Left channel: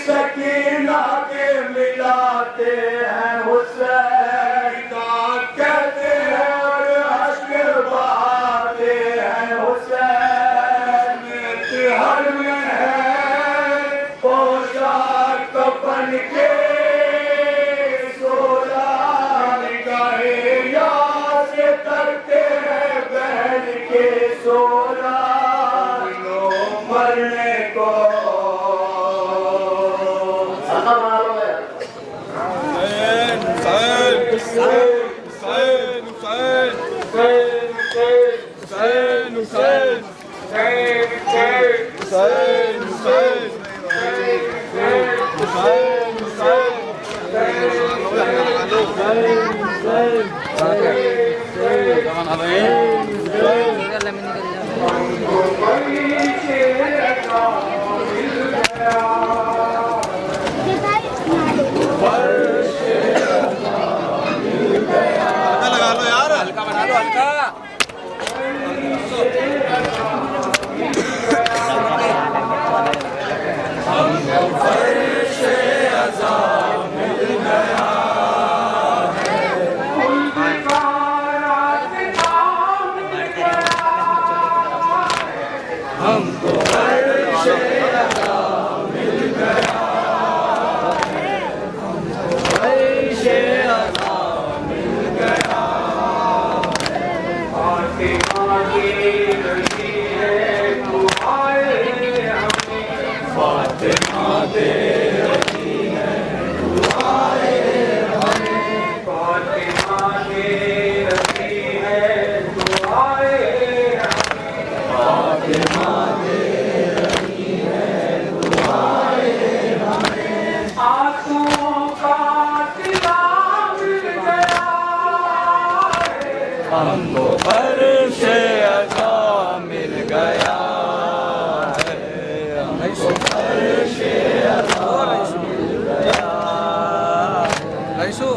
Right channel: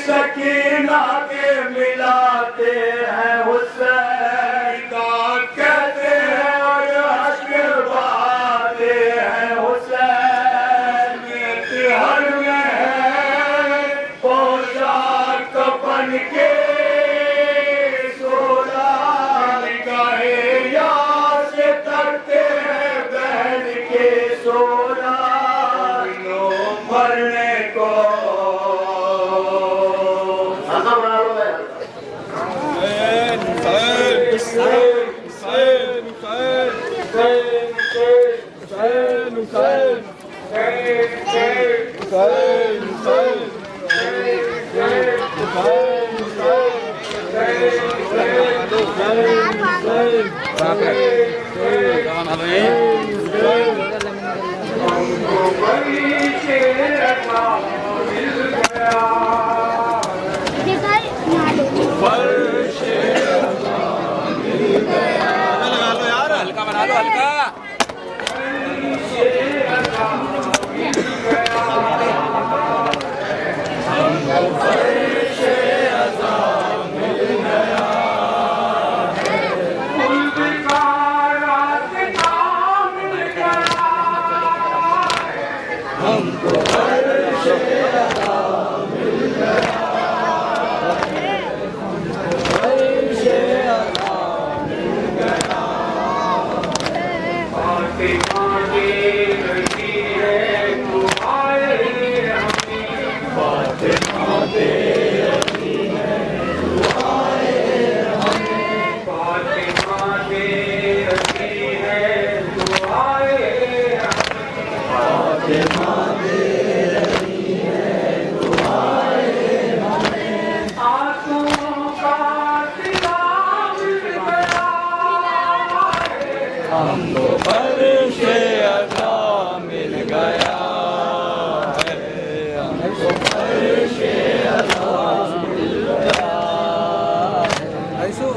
सकीना के मिलाते हैं हुसैन का कहते हैं और अश्क बहाते हैं हुसैन हर में है पोशाक कफन के सोला निगाहे याद से करते हैं बहन के सोला मरने को हल्का बना लो हल्का हमको फर्श अज़ा मिल गया है हमको फर्श अज़ा मिल गया ऐसो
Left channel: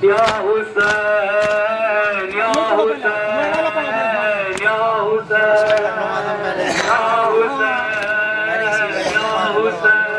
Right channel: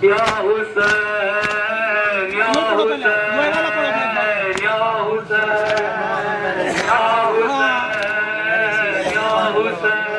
या हुसैन या हुसैन या हुसैन या हुसैन या हुसैन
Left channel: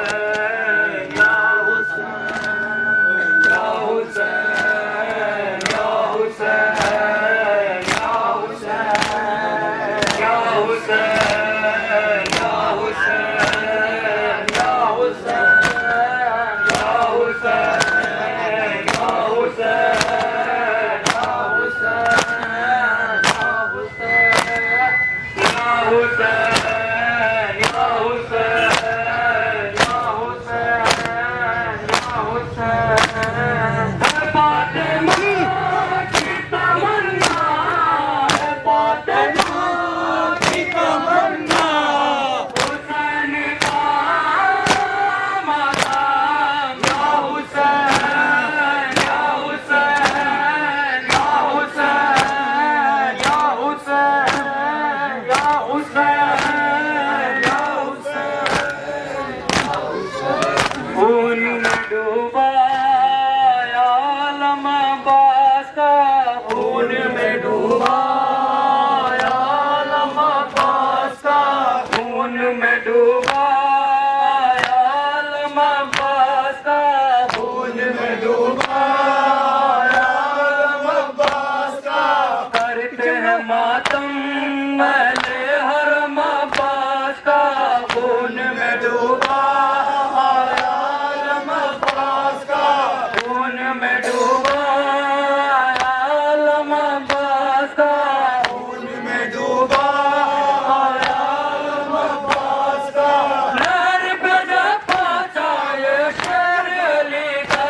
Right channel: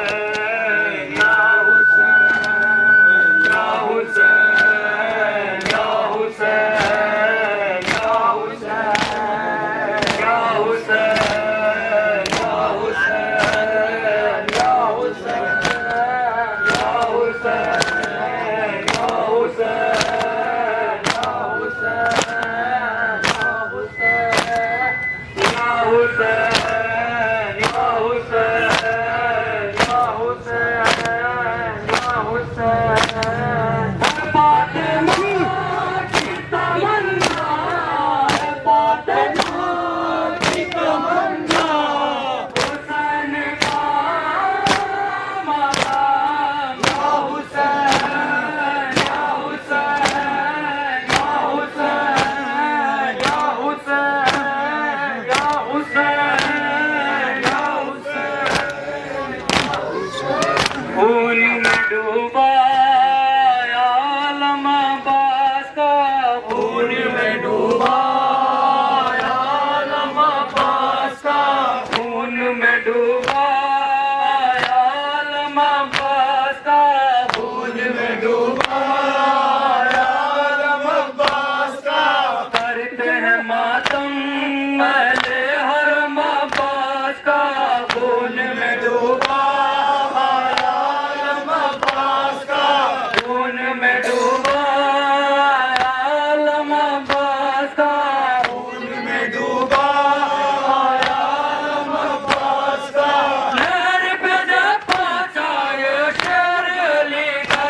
डूबा आलम अब्बास का, खून में डूबा आलम अब्बास का, करते हैं मातम महले हरम अब्बास का, खून में डूबा आलम अब्बास का, खून में डूबा आलम अब्बास का, खून में डूबा आलम अब्बास का, नहर पे जब पहुंचा ये शेर अली का,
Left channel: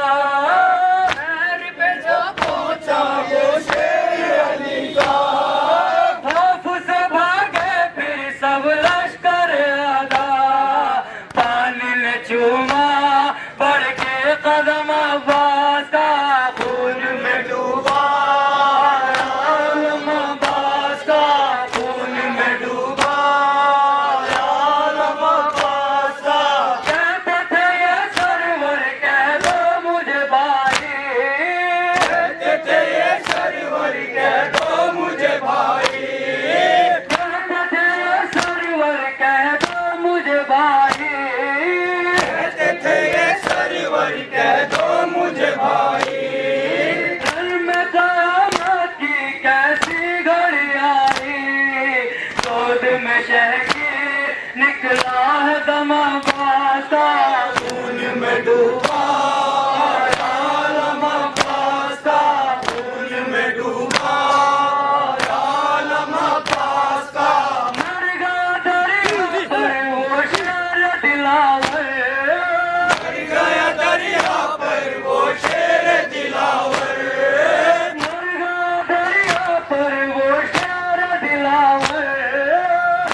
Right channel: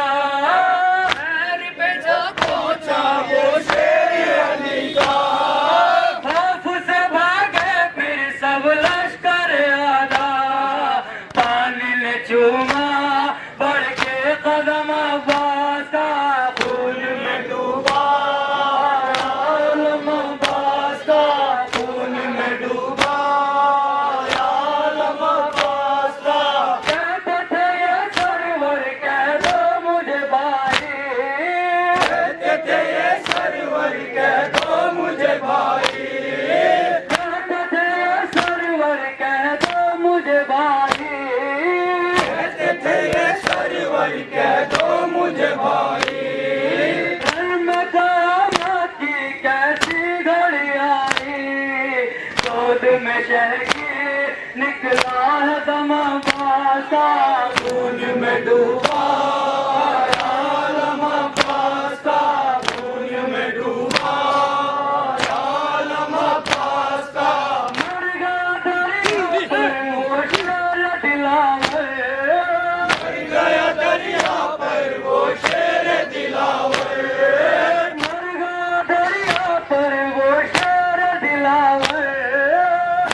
नहर पे जब पहुंचा ये शेर अली का, खौफ से भागे फिर सब लश्कर आदा, पानी ने चूमा बढ़ के कदम अब्बास का, खून में डूबा आलम अब्बास का, खून में डूबा आलम अब्बास का, कहते थे ये सरवर कह दो मुझे भाई, कहते थे ये सरवर कह दो मुझे भाई, कहते थे ये सरवर कह दो मुझे भाई, कहते थे ये सरवर कह दो मुझे भाई, घर में कयामत की कैसी घड़ी आई, गोद में शहकी निकला है दम अब्बास का, खून में डूबा आलम अब्बास का, खून में डूबा आलम अब्बास का, मर गया दरिया पर वो शेर दिलावर, मर गया दरिया पर वो शेर दिलावर, मर गया दरिया पर वो शेर दिलावर,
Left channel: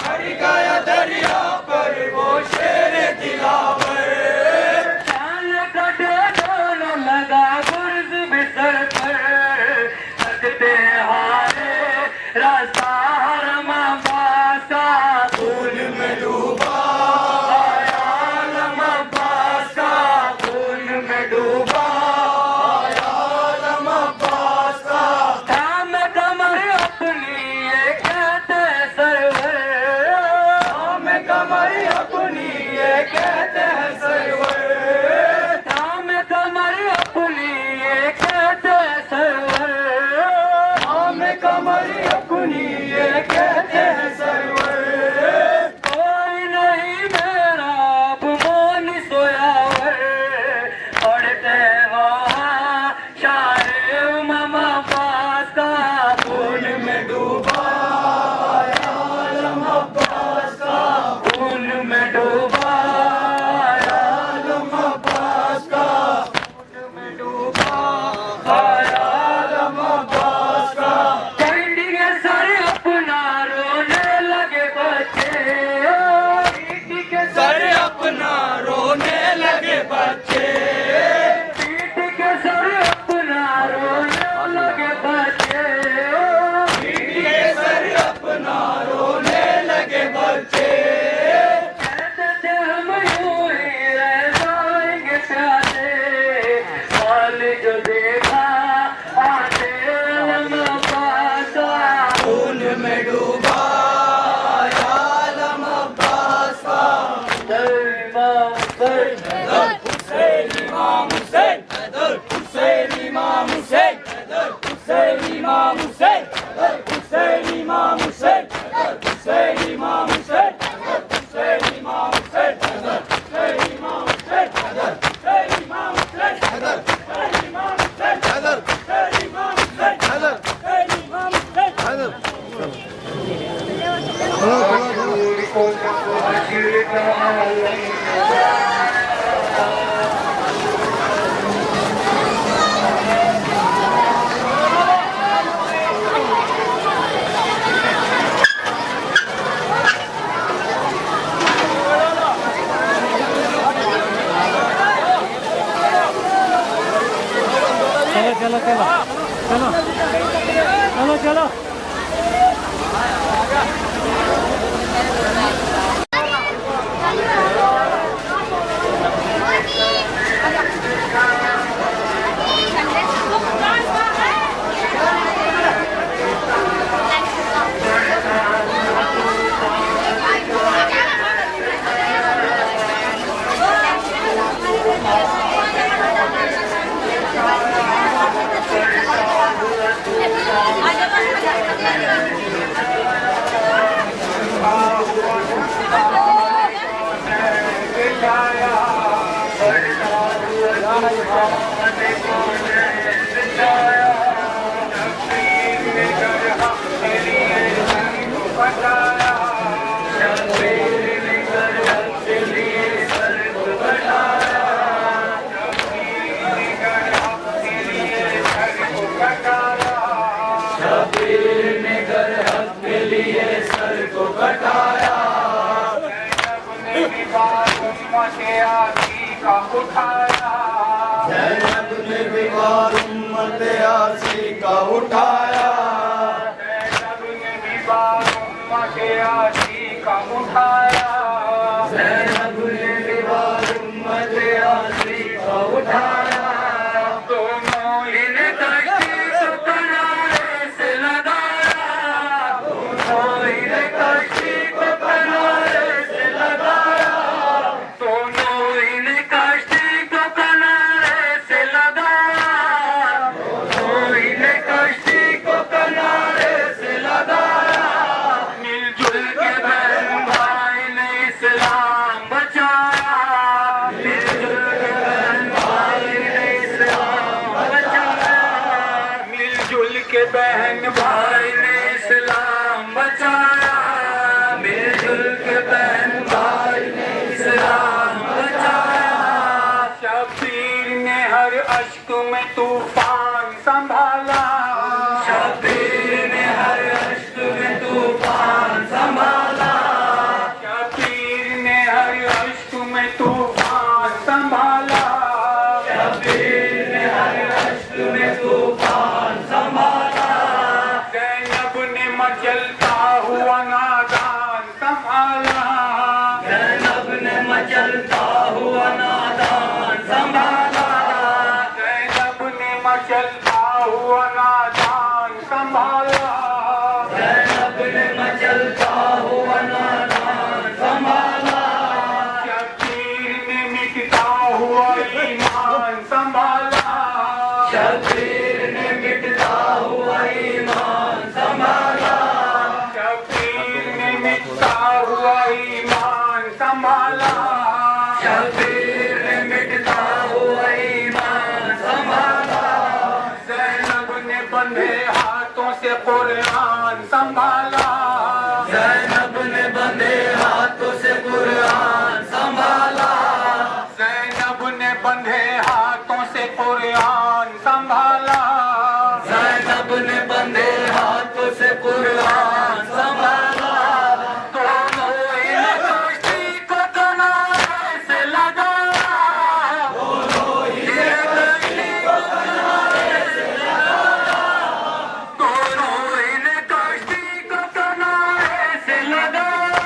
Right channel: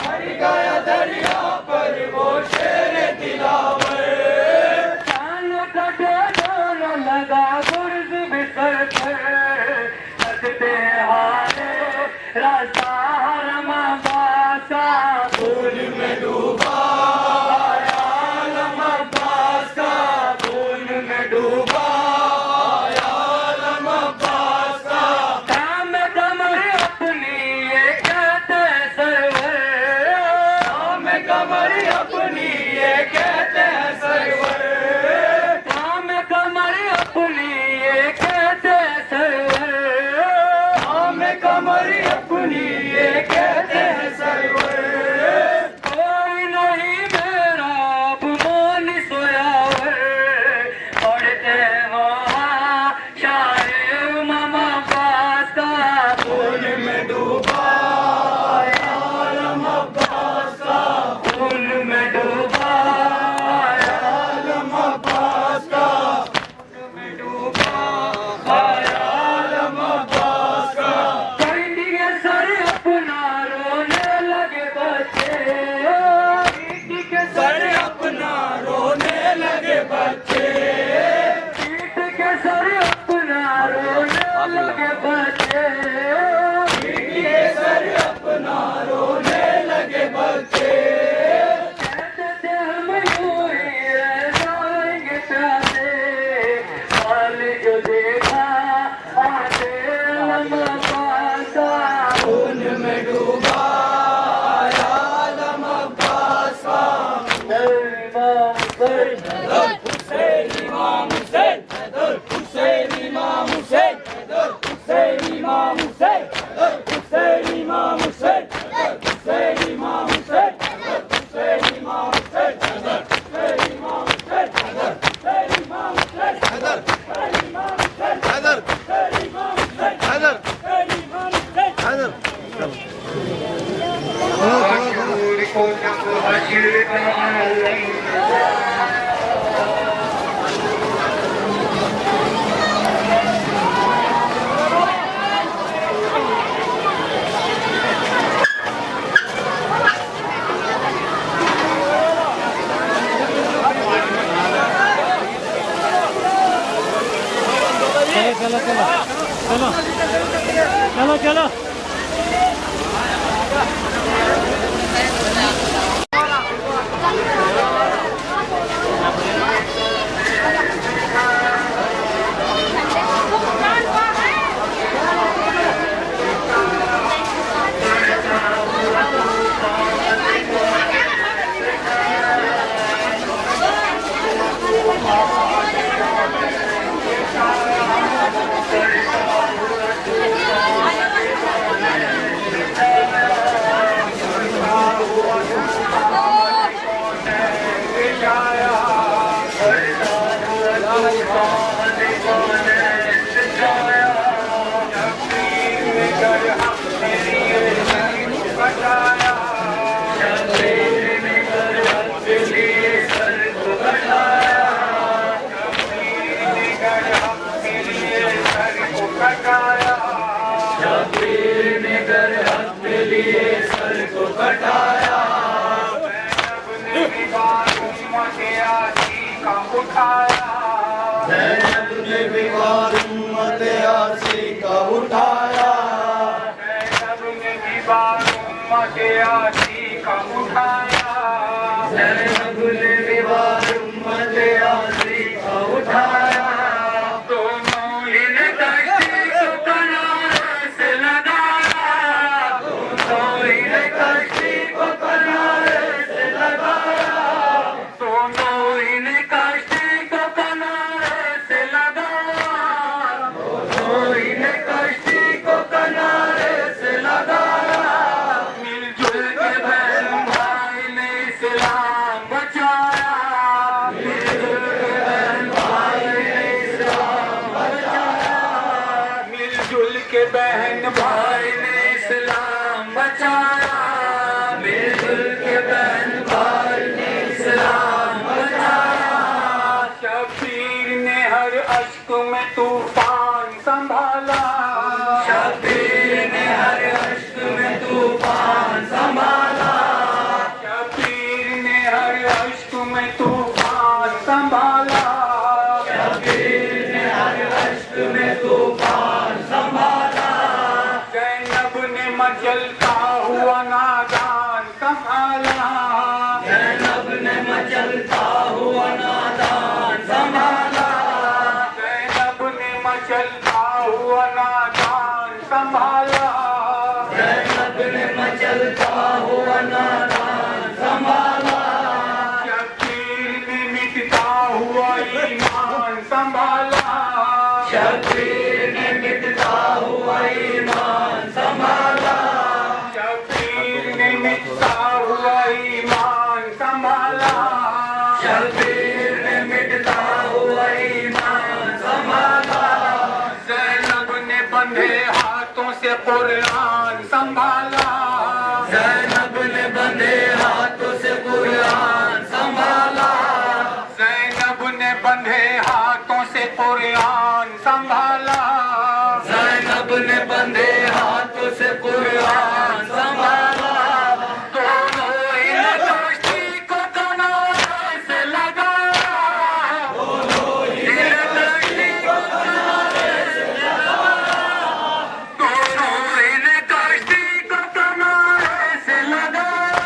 मर गया दरिया पर वो शेर दिलावर, चाल कटे दोनों लगा गुर्ज बिसर कर, सकते हारे रास्ता हरम अब्बास का, खून में डूबा आलम अब्बास का, खून में डूबा आलम अब्बास का, काम कमर अपनी ये कहते सरवर, काम कमर अपनी ये कहते हैं सरवर, काम कमर अपनी ये कहते सरवर, काम कमर अपनी ये कहते हैं सरवर, कोई नहीं मेरा अब मोन सोयावर, पढ़ते वहाँ शाहे उमम अब्बास का, खून में डूबा आलम अब्बास का, खून में डूबा आलम अब्बास का, खून में डूबा आलम अब्बास का, कैंडिया सर अपना रोने लगे बच्चे, पीटी के सर अपना रोने लगे बच्चे, पीट के सर अपना रोने लगे बच्चे, ये सर अपना रोने लगे बच्चे, कहते थे हम यूं ही रह जाएंगे प्यासे, हाल जो देखा आते हम अब्बास का, खून में डूबा आलम अब्बास का, इमाम हुसैन, हुसैन इमाम हुसैन, हुसैन इमाम हुसैन, हुसैन इमाम हुसैन, हुसैन इमाम हुसैन, हुसैन इमाम हुसैन, हुसैन इमाम हुसैन, हुसैन इमाम हुसैन, हुसैन इमाम हुसैन, हुसैन इमाम हुसैन, हुसैन इमाम हुसैन, हुसैन इमाम हुसैन, चलो चलो चलो चलो चलो भी बार उम्मत आसी का उठाया, ज़ैनब ने भी बार उम्मत आसी का उठाया, ज़ैनब ने भी बार उम्मत आसी का उठाया, ज़ैनब ने भी बार उम्मत आसी का उठाया। दोनों ही ने कश्ती को किनारे से लगाया, दोनों ही ने कश्ती को किनारे से लगाया, दोनों ही ने कश्ती को किनारे से लगाया, दोनों ही ने कश्ती को किनारे से लगाया। मिलजुल के बहन भाई ने इस्लाम बचाया, मिलजुल के बहन भाई ने इस्लाम बचाया, मिलजुल के बहन भाई ने इस्लाम बचाया, मिलजुल के बहन भाई ने इस्लाम बचाया। शबीर ने हर अश्क में तूफान संभाला, शबीर ने हर अश्क में तूफान संभाला, शबीर ने हर अश्क में तूफान संभाला, शबीर ने हर अश्क में तूफान संभाला, ज़ैनब ने मचलता हुआ नादान संभाला, ज़ैनब ने मचलता हुआ नादान संभाला, ज़ैनब ने मचलता हुआ नादान संभाला, ज़ैनब ने मचलता हुआ नादान संभाला, शबीर ने मिटता हुआ ईमान संभाला, शबीर ने मिटता हुआ ईमान संभाला, शबीर ने मिटता हुआ ईमान संभाला, शबीर ने मिटता हुआ ईमान संभाला, ज़ैनब ने बंधे हाथों से कुरान संभाला, ज़ैनब ने बंधे हाथों से कुरान संभाला, ज़ैनब ने बंधे हाथों से कुरान संभाला, ज़ैनब ने बंधे हाथों से कुरान संभाला, दोनों ही ने कश्ती को किनारे से लगाया, दोनों ही ने कश्ती को किनारे से लगाया, दोनों ही ने कश्ती को किनारे से लगाया,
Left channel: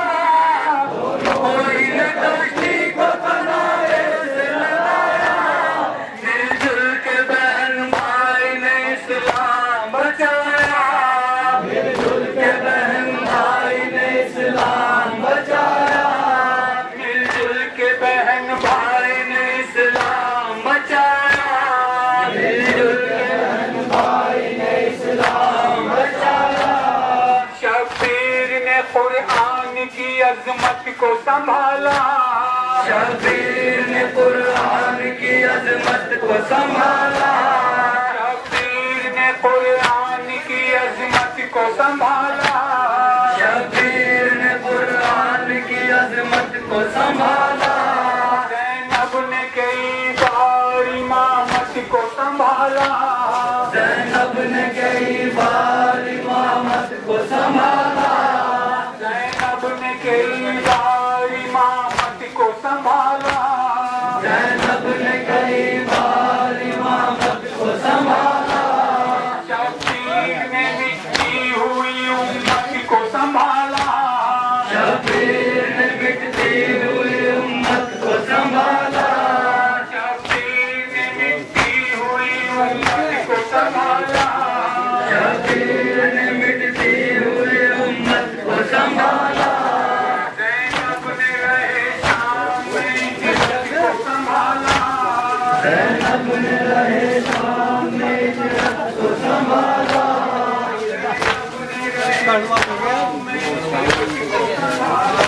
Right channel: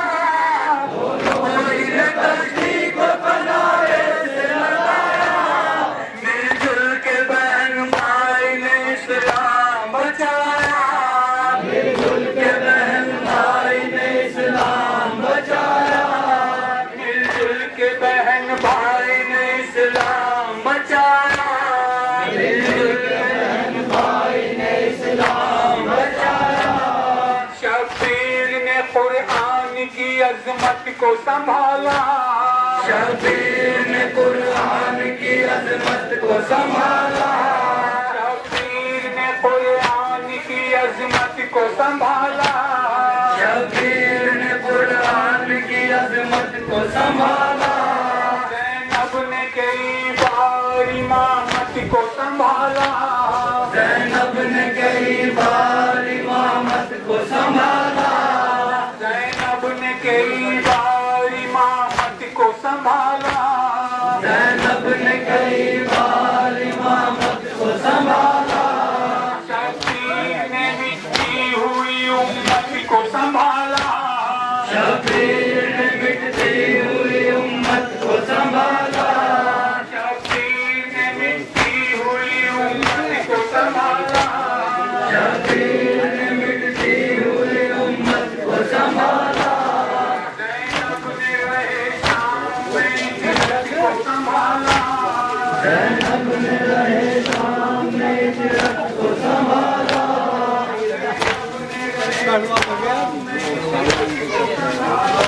दोनों ही ने कश्ती को किनारे से लगाया। मिलजुल के बहन भाई ने इस्लाम बचाया, मिलजुल के बहन भाई ने इस्लाम बचाया, मिलजुल के बहन भाई ने इस्लाम बचाया, मिलजुल के बहन भाई ने इस्लाम बचाया। शबीर ने कुरान की अजमत को संभाला, शबीर ने कुरान की अजमत को संभाला, शबीर ने कुरान की अजमत को संभाला, शबीर ने कुरान की अजमत को संभाला, ज़ैनब ने कई बार इमामत को संभाला, ज़ैनब ने कई बार इमामत को संभाला, ज़ैनब ने कई बार इमामत को संभाला, ज़ैनब ने कई बार इमामत को संभाला, शबीर ने मिटती हुई उम्मत को संभाला, शबीर ने मिटती हुई उम्मत को संभाला, शबीर ने मिटती हुई उम्मत को संभाला, शबीर ने मिटती हुई उम्मत को संभाला, ज़ैनब ने रहे शाम में इज्जत को संभाला, ज़ैनब ने रहे सामने इज्जत को संभाला,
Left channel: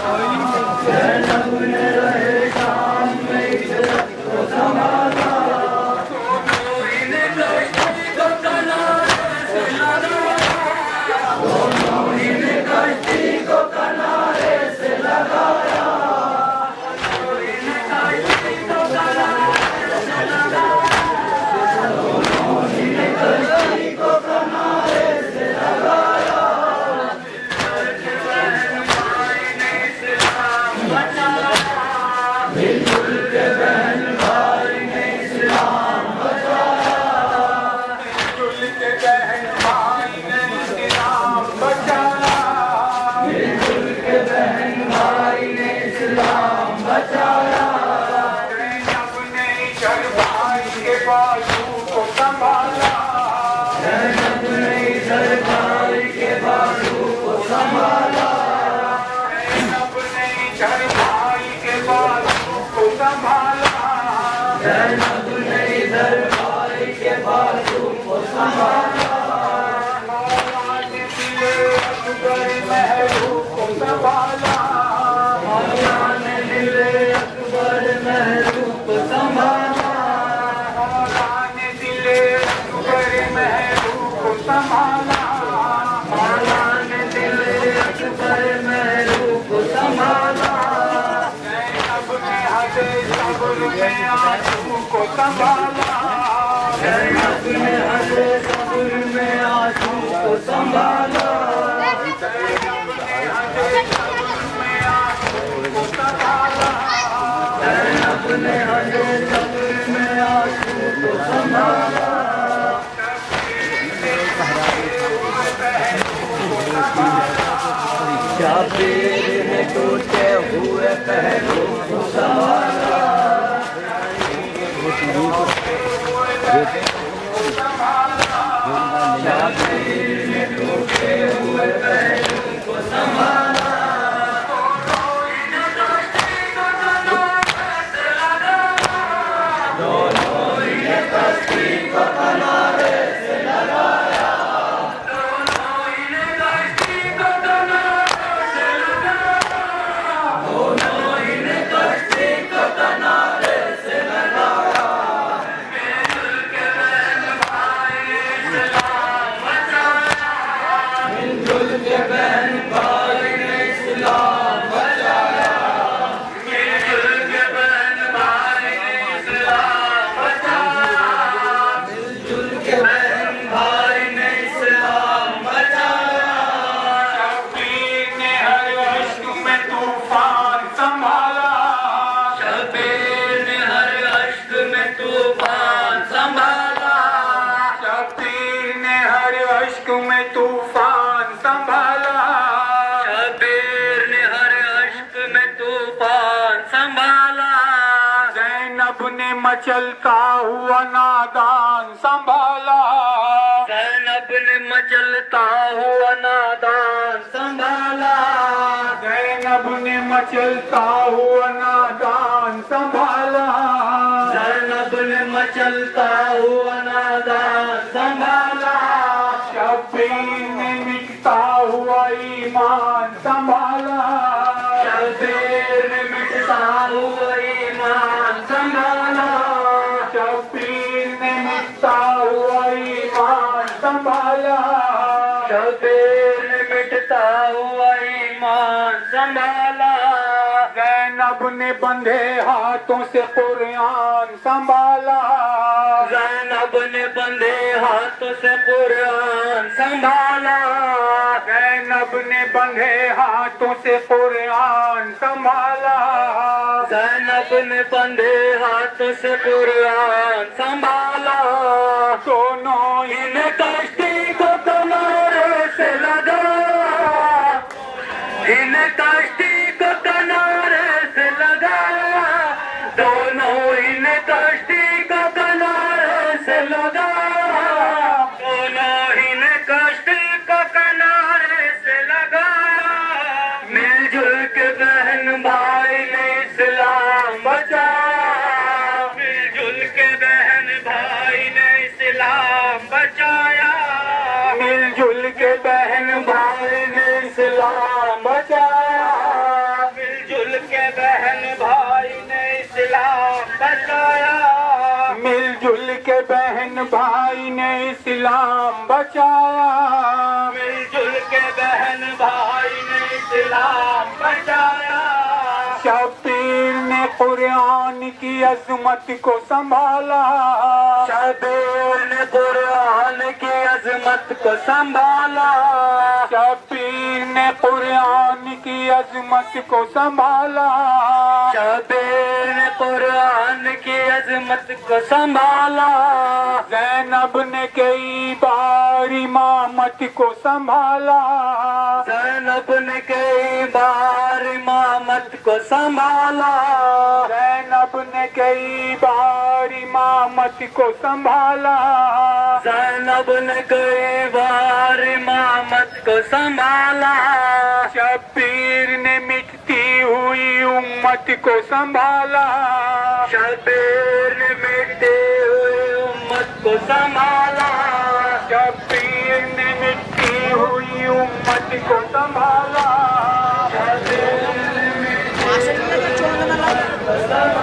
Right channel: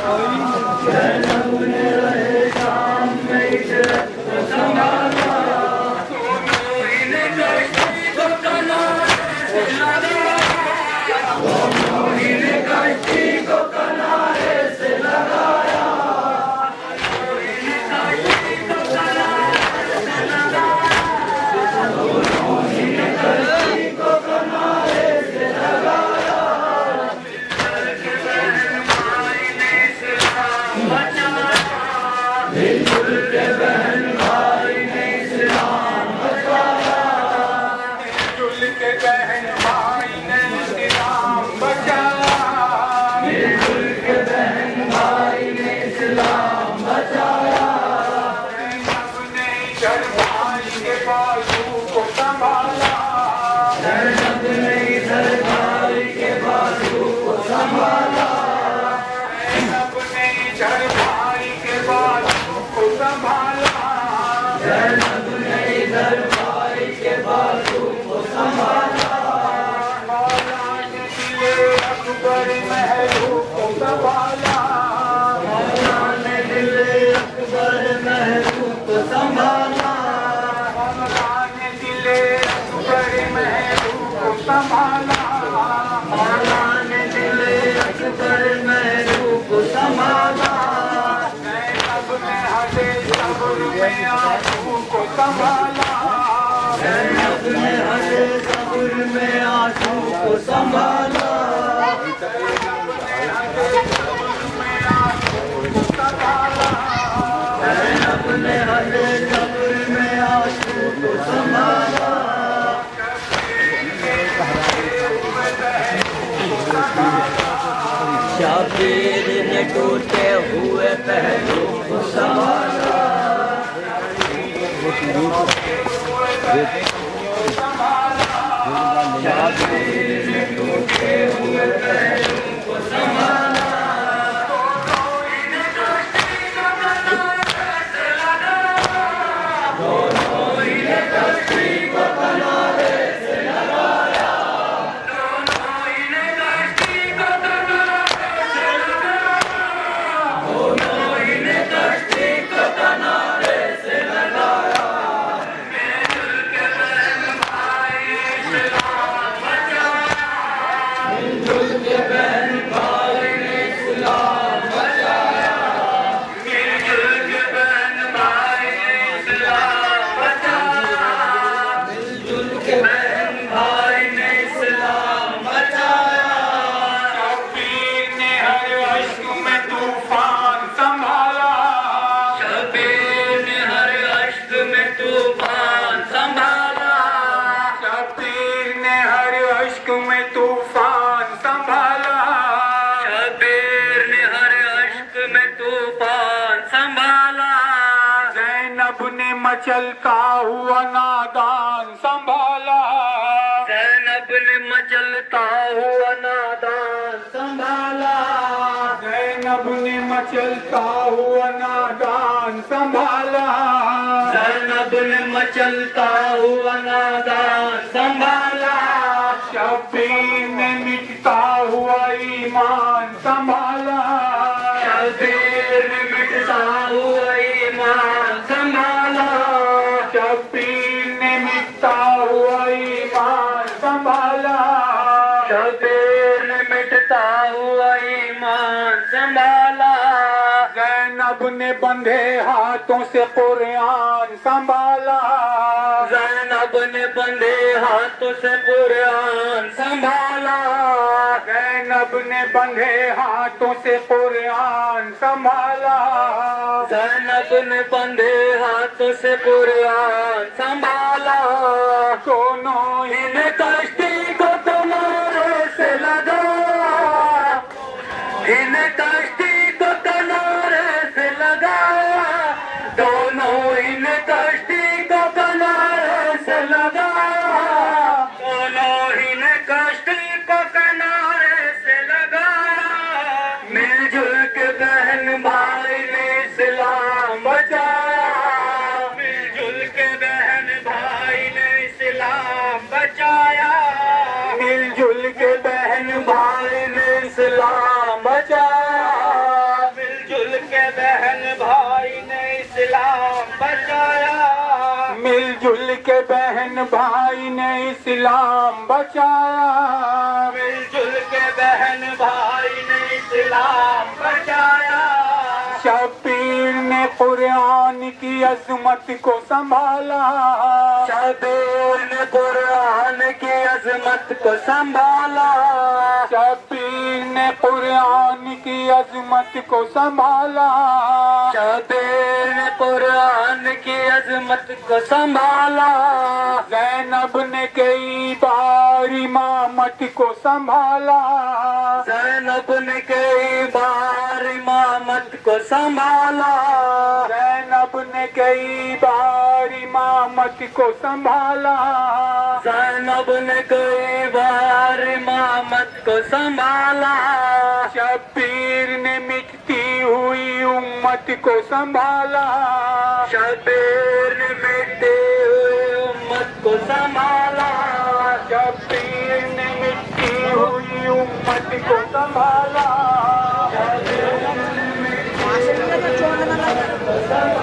ज़ैनब ने रहे सामने इज्जत को संभाला, दोनों ही ने कश्ती को किनारे से लगाया, दोनों ही ने कश्ती को किनारे से लगाया, दोनों ही ने कश्ती को किनारे से लगाया, मिलजुल के बहन भाई ने इस्लाम बचाया, मिलजुल के बहन भाई ने इस्लाम बचाया, मिलजुल के बहन भाई ने इस्लाम बचाया। ज़ैनब ने इधर भाई के बाजू को संभाला, ज़ैनब ने इधर भाई के बाजू को संभाला, ज़ैनब ने इधर भाई के बाजू को संभाला, ज़ैनब ने इधर भाई के बाजू को संभाला। मौला ने दिले अकबर महबूब को संभाला, मौला ने दिले अकबर महबूब को संभाला, मौला ने दिले अकबर महबूब को संभाला, मौला ने दिले अकबर महबूब को संभाला। ज़ैनब ने हदे सब्र में आंसू को संभाला, ज़ैनब ने हदे सब्र में आंसू को संभाला, ज़ैनब ने हदे सब्र में आंसू को संभाला, ज़ैनब ने हदे सब्र में आंसू को संभाला। शाबीर ने टूटे हुए पहलू को संभाला, शाबीर ने टूटे हुए पहलू को संभाला। दोनों ही ने कश्ती को किनारे से लगाया, दोनों ही ने कश्ती को किनारे से लगाया, दोनों ही ने कश्ती को किनारे से लगाया। मिलजुल के बहन भाई ने इस्लाम बचाया, मिलजुल के बहन भाई ने इस्लाम बचाया, मिलजुल के बहन भाई ने इस्लाम बचाया, मिलजुल के बहन भाई ने इस्लाम बचाया। शब्बीर ने हर अश्क में तूफान संभाला, शब्बीर ने हर अश्क में तूफान संभाला, शब्बीर ने हर अश्क में तूफान संभाला, शब्बीर ने हर अश्क में तूफान संभाला। ज़ैनब ने मचलता हुआ नादान संभाला, ज़ैनब ने मचलता हुआ नादान संभाला, ज़ैनब ने मचलता हुआ नादान संभाला, ज़ैनब ने मचलता हुआ नादान संभाला। शब्बीर ने मिटता हुआ ईमान संभाला, शब्बीर ने मिटता हुआ ईमान संभाला, शब्बीर ने मिटता हुआ ईमान संभाला, शब्बीर ने मिटता हुआ ईमान संभाला। ज़ैनब ने बंधे हाथों से कुरान संभाला, ज़ैनब ने बंधे हाथों से कुरान संभाला, ज़ैनब ने बंधे हाथों से कुरान संभाला, ज़ैनब ने बंधे हाथों से कुरान संभाला। दोनों ही ने कश्ती को किनारे से लगाया, इन कश्ती को किनारे से लगाया, दोनों इन कश्ती को किनारे से लगाया, दोनों इन कश्ती को किनारे से लगाया। मिलजुल के बहन भाई ने इस्लाम बचाया, मिलजुल के बहन भाई ने इस्लाम बचाया, मिलजुल के बहन भाई ने इस्लाम बचाया, मिलजुल के बहन भाई ने इस्लाम बचाया, मिलजुल के बहन भाई ने इस्लाम बचाया, मिलजुल के बहन भाई ने इस्लाम बचाया। शब्बीर ने कुरान की अजमत को संभाला, शब्बीर ने कुरान की अजमत को संभाला, शब्बीर ने कुरान की अजमत को संभाला, शब्बीर कुरान की अजमत को संभाला। ज़ैनब ने कई बार इमामत को संभाला। ज़ैनब ने कई बार इमामत को संभाला। ज़ैनब ने कई बार इमामत को संभाला। ज़ैनब ने कई बार इमामत को संभाला। शब्बीर ने मिटती हुई उम्मत को संभाला। शब्बीर ने मिटती हुई उम्मत को संभाला। शब्बीर ने मिटती हुई उम्मत को संभाला। शब्बीर ने मिटती हुई उम्मत को संभाला।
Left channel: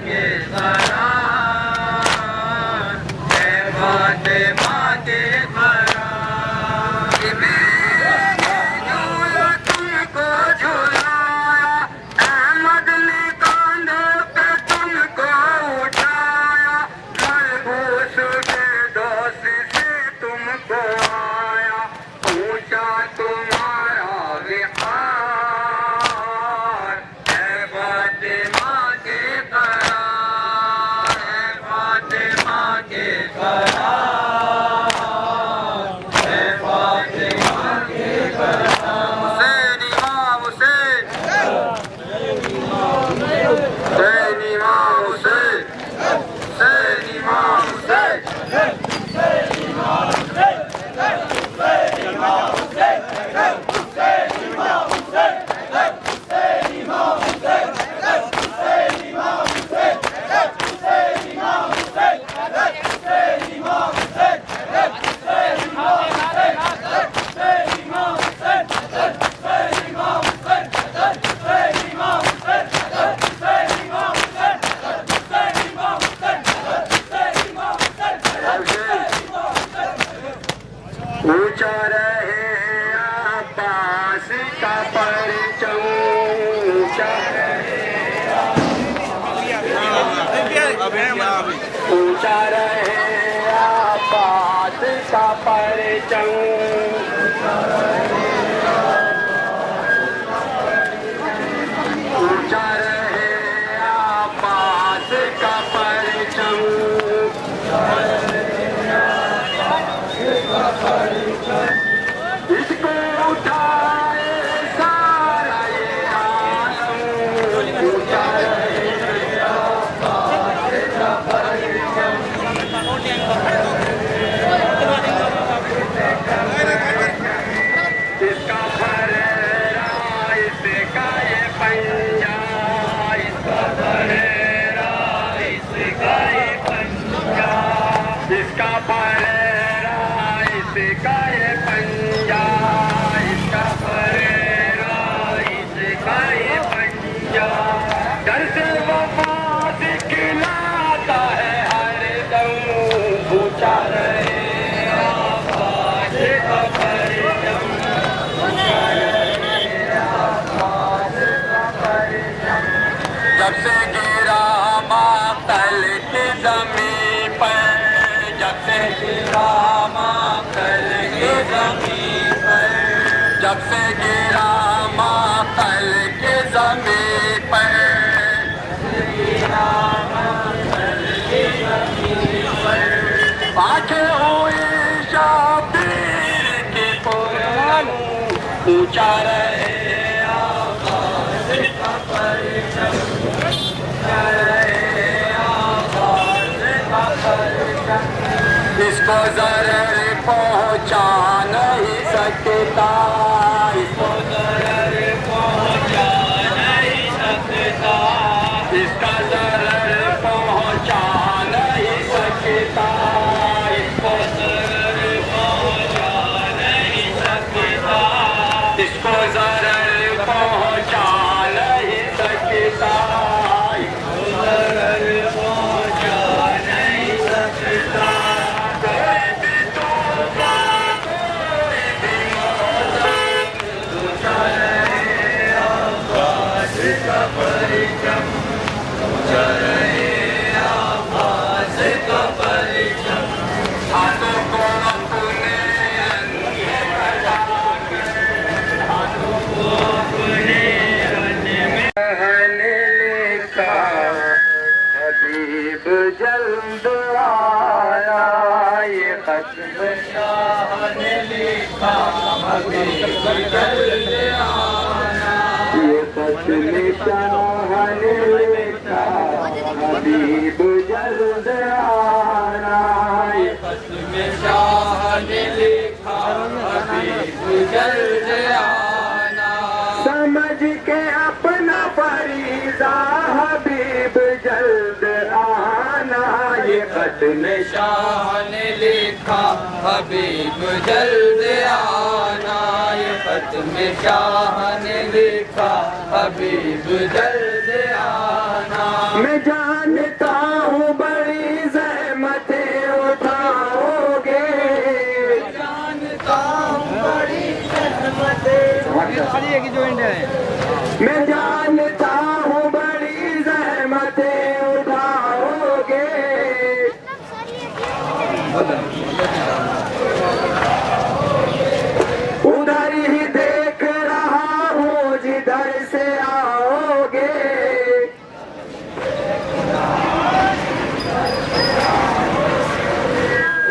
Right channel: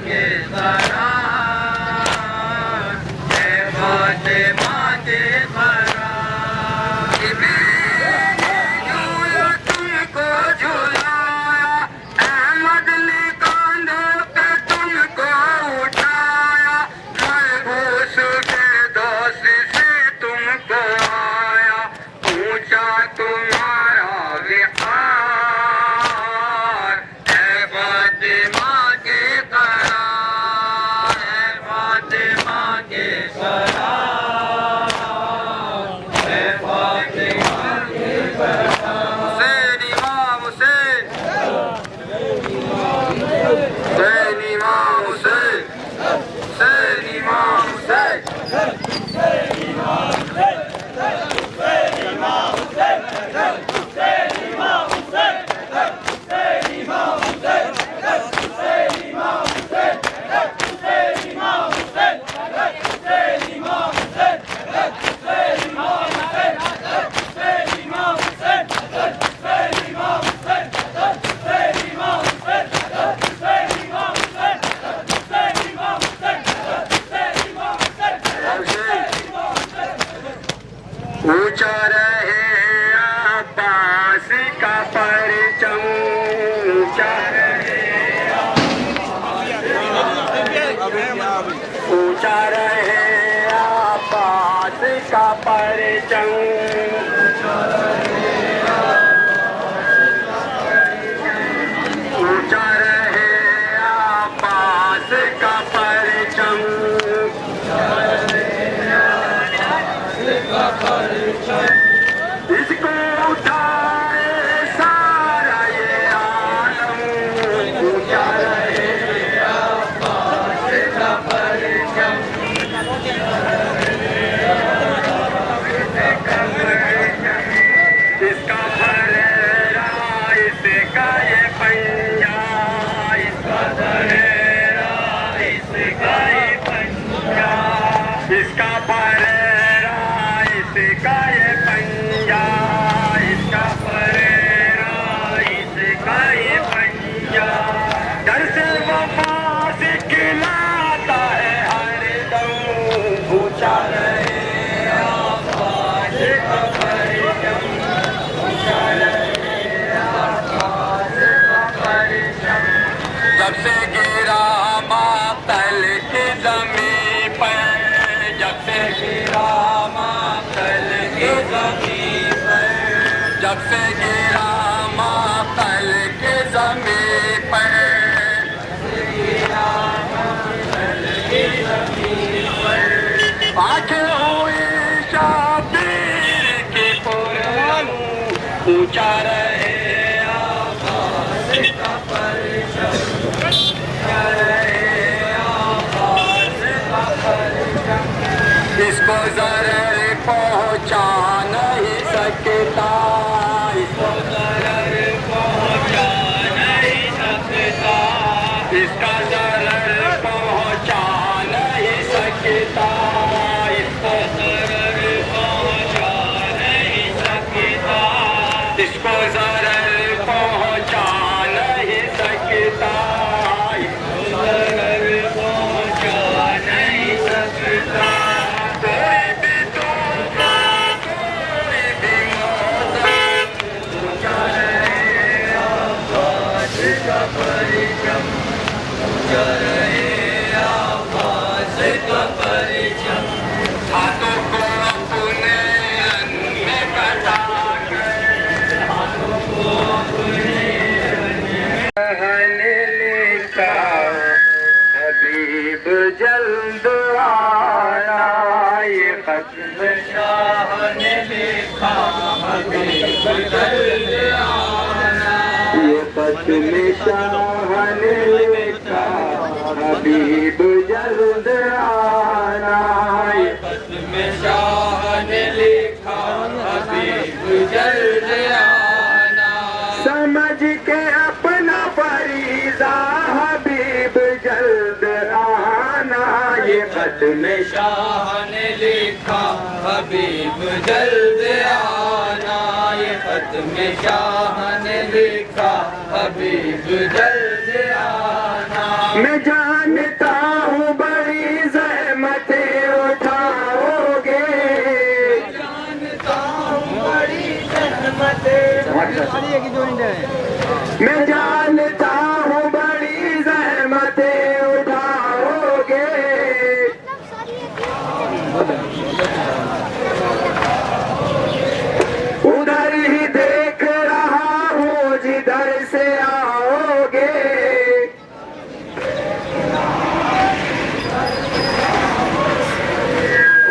के करार, है फातिमा के करार। मैंने झूला तुमको झुलाया, अहमद ने कांधों पे तुमको उठाया, मलबूस के दोस्त से तुमको आया, ऊंचा तुम्हारा विहार, है फातिमा के करार, है फातिमा के करार, है फातिमा के करार। हुसैन इमाम हुसैन, हुसैन इमाम हुसैन, हुसैन इमाम हुसैन। ऊंचा रहे अब्बास का परचम, ऊंचा रहे, ऊंचा रहे अब्बास का परचम, ऊंचा रहे अब्बास का परचम। इसको उठाए सारा ये आलम, ऊंचा रहे अब्बास का परचम। इसका फरेरा इसका ये पंजा, इसका फरेरा इसका ये पंजा, इसका फरेरा इसका ये पंजा, इसका फरेरा इसका ये पंजा। घर से वफा सिखलाता है हर दम, ऊंचा रहे आकाश का परचम, ऊंचा रहे आकाश का परचम। जब से गिरा मातल की ज़मीं पर, जब से गिरा मातल की ज़मीं पर, जब से गिरा मातल की ज़मीं पर, आंखें हुई शाबीर की पूरम, ऊंचा रहे आकाश का परचम, ऊंचा रहे आकाश का परचम। इसको ज़रर पहुंचा नहीं सकता, इसको ज़रर पहुंचा नहीं सकता, इसका ज़रर पहुंचा नहीं सकता, इसको ज़रर पहुंचा नहीं सकता, इसको ज़रर पहुंचा नहीं सकता, इसको ज़रर पहुंचा नहीं सकता। कोई भी तूफ़ान, कोई भी मौसम, ऊंचा रहे आकाश का परचम, ऊंचा रहे आकाश का परचम। हाथों को अपने अन्य कटा कर, हाथों को अपने कहने लिखा, हबीब जल्द आना, ये खत्म शाह ने लिखा, हबीब जल्द आना, ये खत्म शाह ने लिखा, हबीब जल्द आना, ये खत्म शाह ने लिखा, हबीब जल्द आना। समझ के अपना फरीज़ा हबीब जल्द आना, ये खत्म शाह ने लिखा, हबीब जल्द आना, ये खत्म शाह ने लिखा, हबीब जल्द आना। मैं जानता हूँ बड़ी ज़हमतें उठाओगे, मैं जानता हूँ बड़ी ज़हमतें उठाओगे। उधर ही देख रहा हूँ जिधर से आओगे।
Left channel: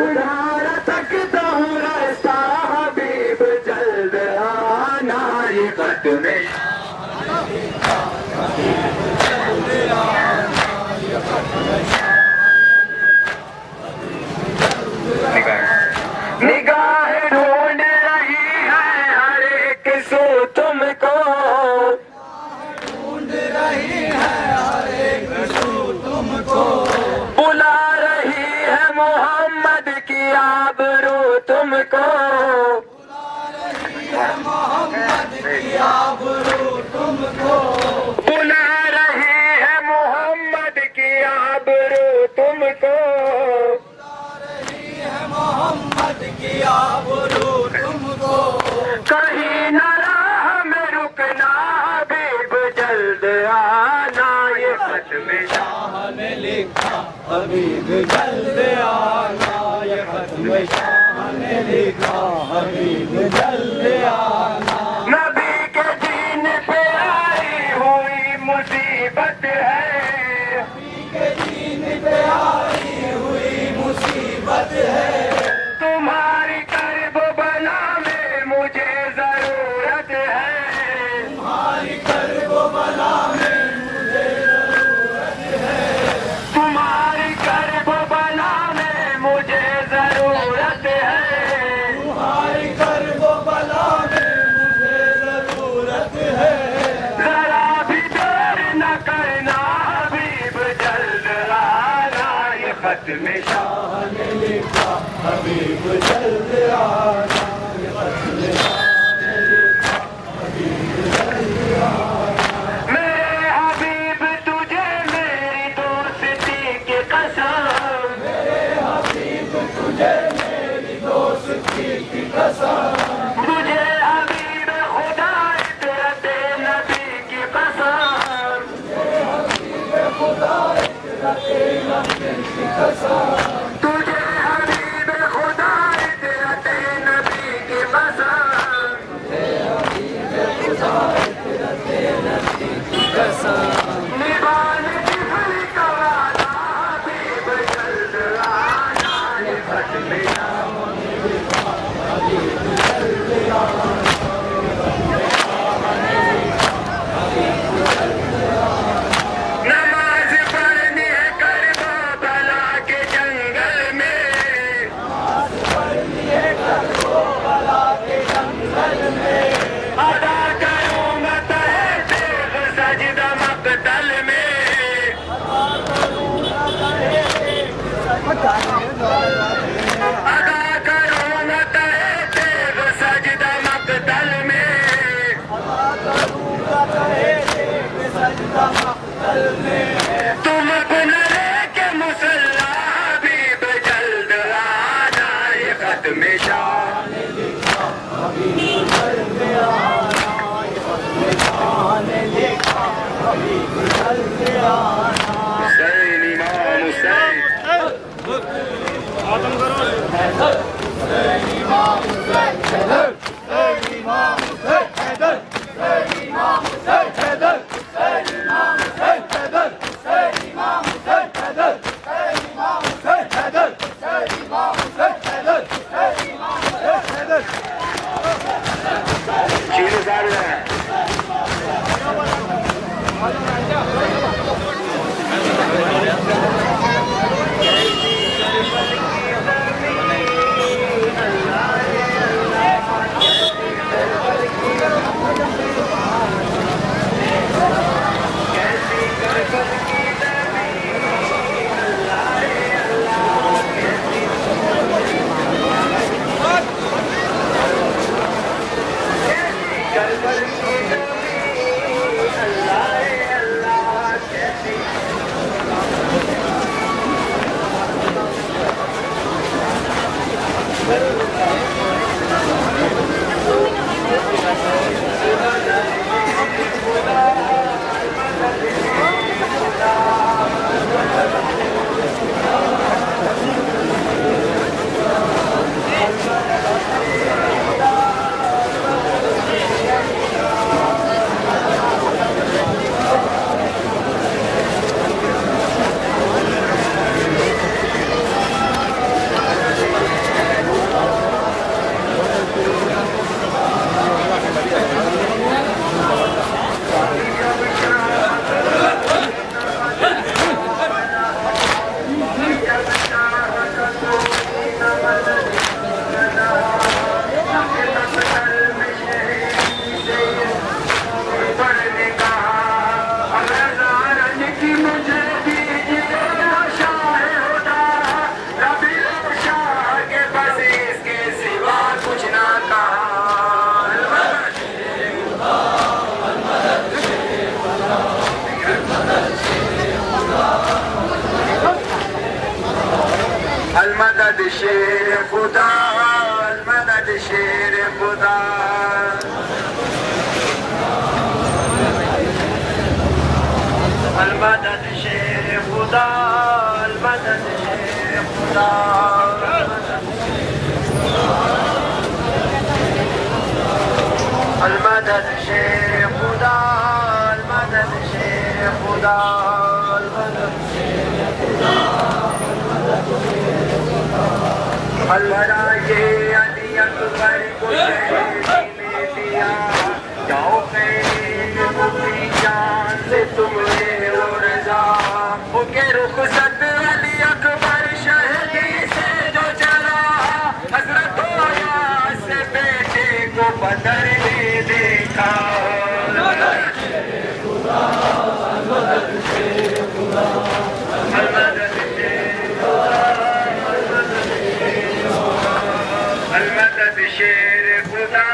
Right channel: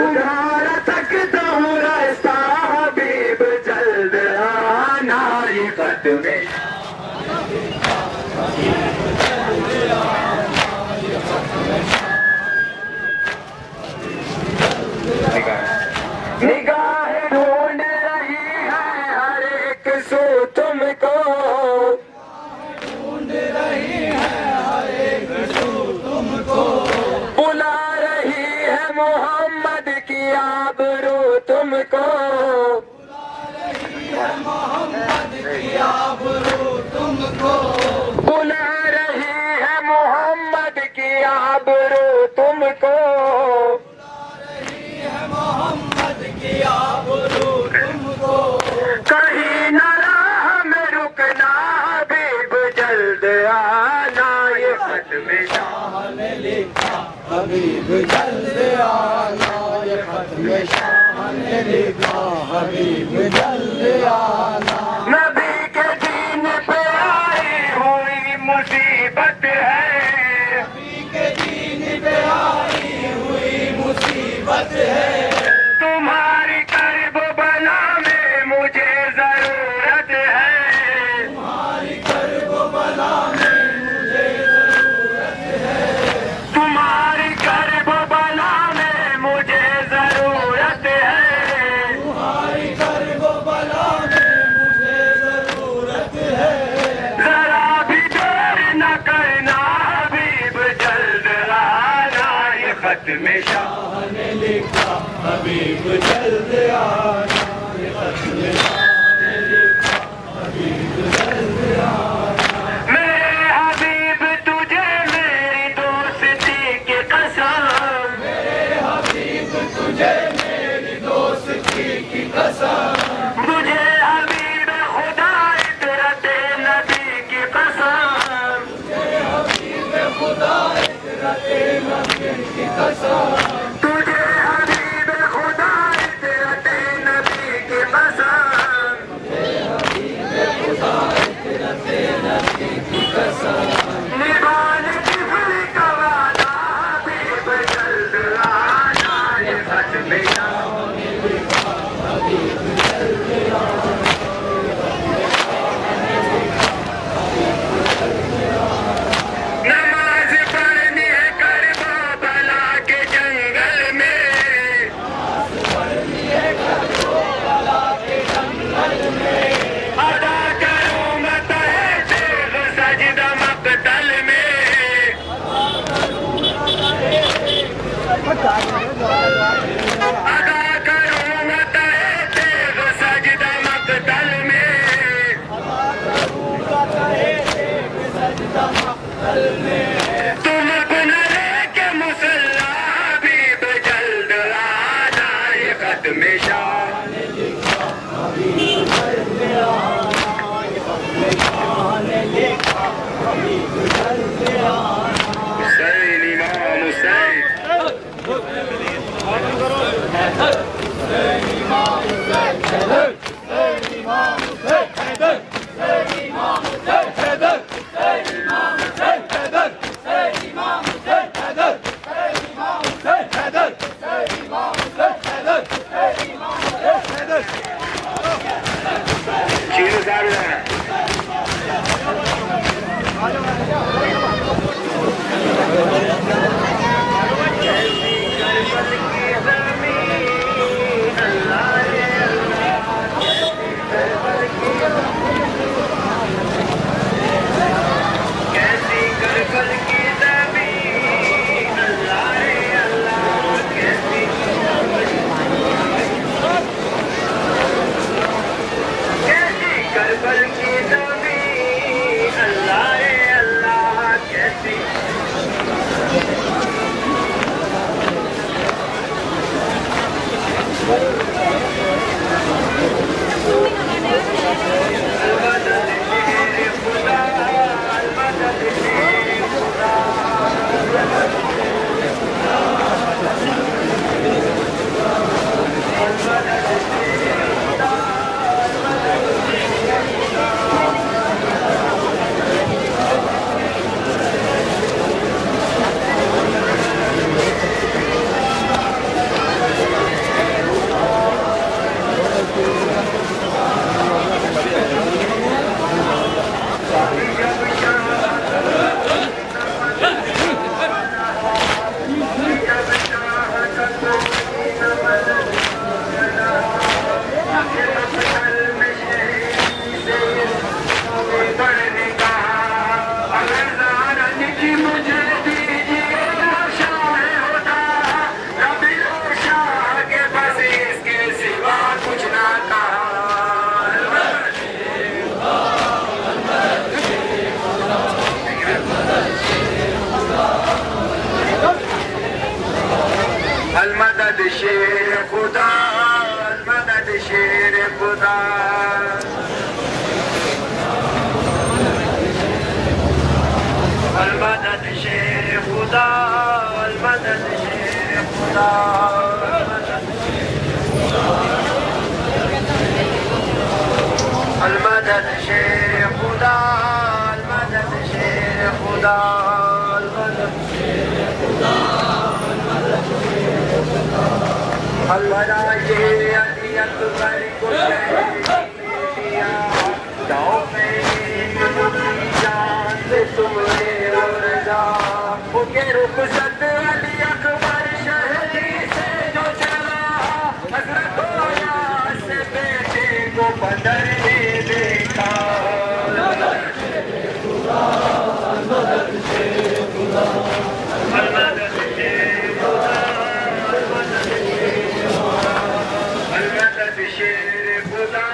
उधार तकता हूँ रास्ता हबीब, जल्द आना ये खत में। निगाहें ढूंढ रही है हर एक सो तुमको, बुला रही है मोहम्मद की आबरू तुमको। बुला रही है मोहम्मद की आबरू तुमको। कहीं न राह में रुकना हबीब, जल्द आना ये खत में। नबी के दीन पे आई हुई मुसीबत है, तुम्हारी कर्ब बला में मुझे जरूरत है। तुम्हारी कर्ब बला में मुझे जरूरत है। जरा भी देर न करना हबीब, जल्द आना ये खत में। मेरे हबीब तुझे मेरी दोस्ती की कसम, तुझे हबीब खुदा इतरत नबी की कसम, तुझे हबीब खुदा इतरत नबी की कसम। निभान जिगर का वादा हबीब, जल्द आना ये खत में। नमाज पढ़नी है करबला के जंगल में, अदा करूँगा तहसीन सजदा मक़तल में, अदा करूँगा तहसीन सजदा मक़तल में। तुमको न लेके मुसल्ला हबीब, जल्द आना ये खत में। हुसैन इमाम हुसैन, चीज़ सारे खुदा अलमदद शेर खुदा अलमदद शेर खुदा अलमदद शेर खुदा अलमदद अलवरा ये अली अकबर को दिया जाओ मेरी जान से तुमने वो रजा वो के रुखसत अली अकबर शहदी से जो चला हजरत से बेटे को बदर में देखा अलमदद शेर खुदा अलमदद शेर खुदा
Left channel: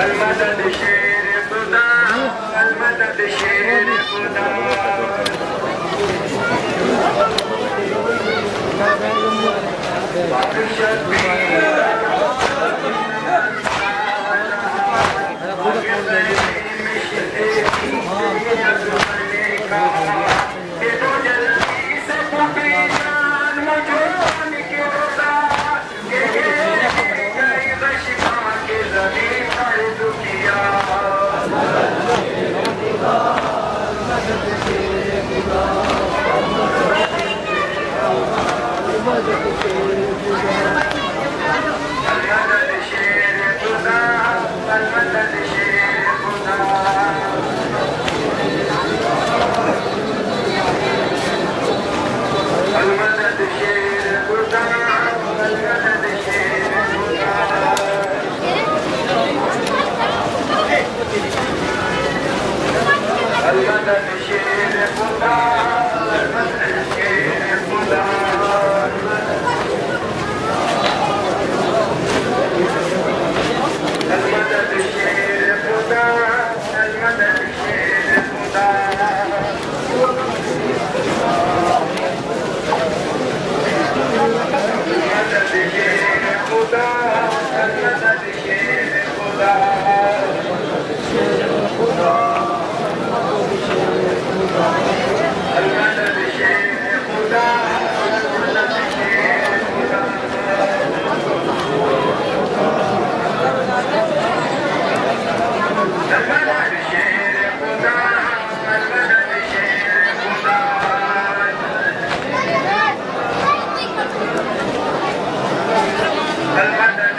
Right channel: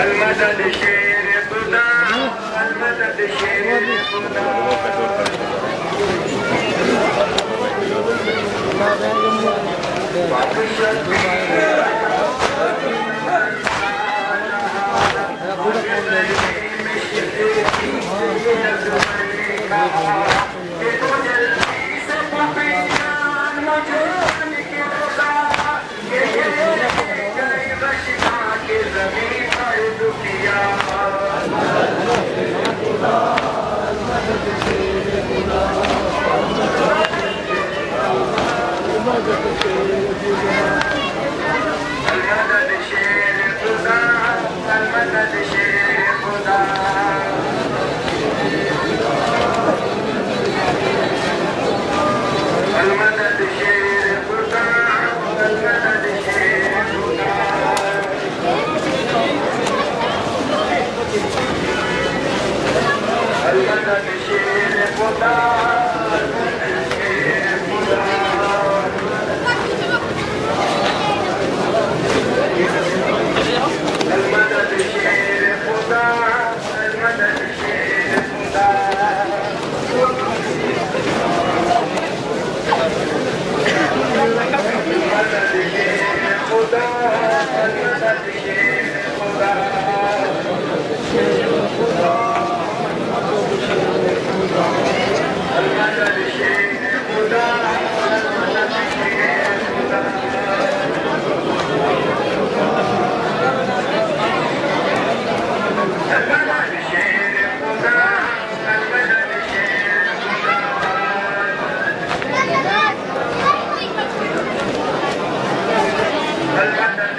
अलमदद शेर खुदा अलमदद शेर खुदा अलमदद शेर खुदा अलमदद शेर खुदा अलमदद शेर खुदा अलमदद शेर खुदा अलमदद शेर खुदा अलमदद शेर खुदा अलमदद शेर खुदा अलमदद शेर खुदा अलमदद शेर खुदा अलमदद शेर खुदा अलमदद शेर खुदा अलमदद शेर खुदा अलमदद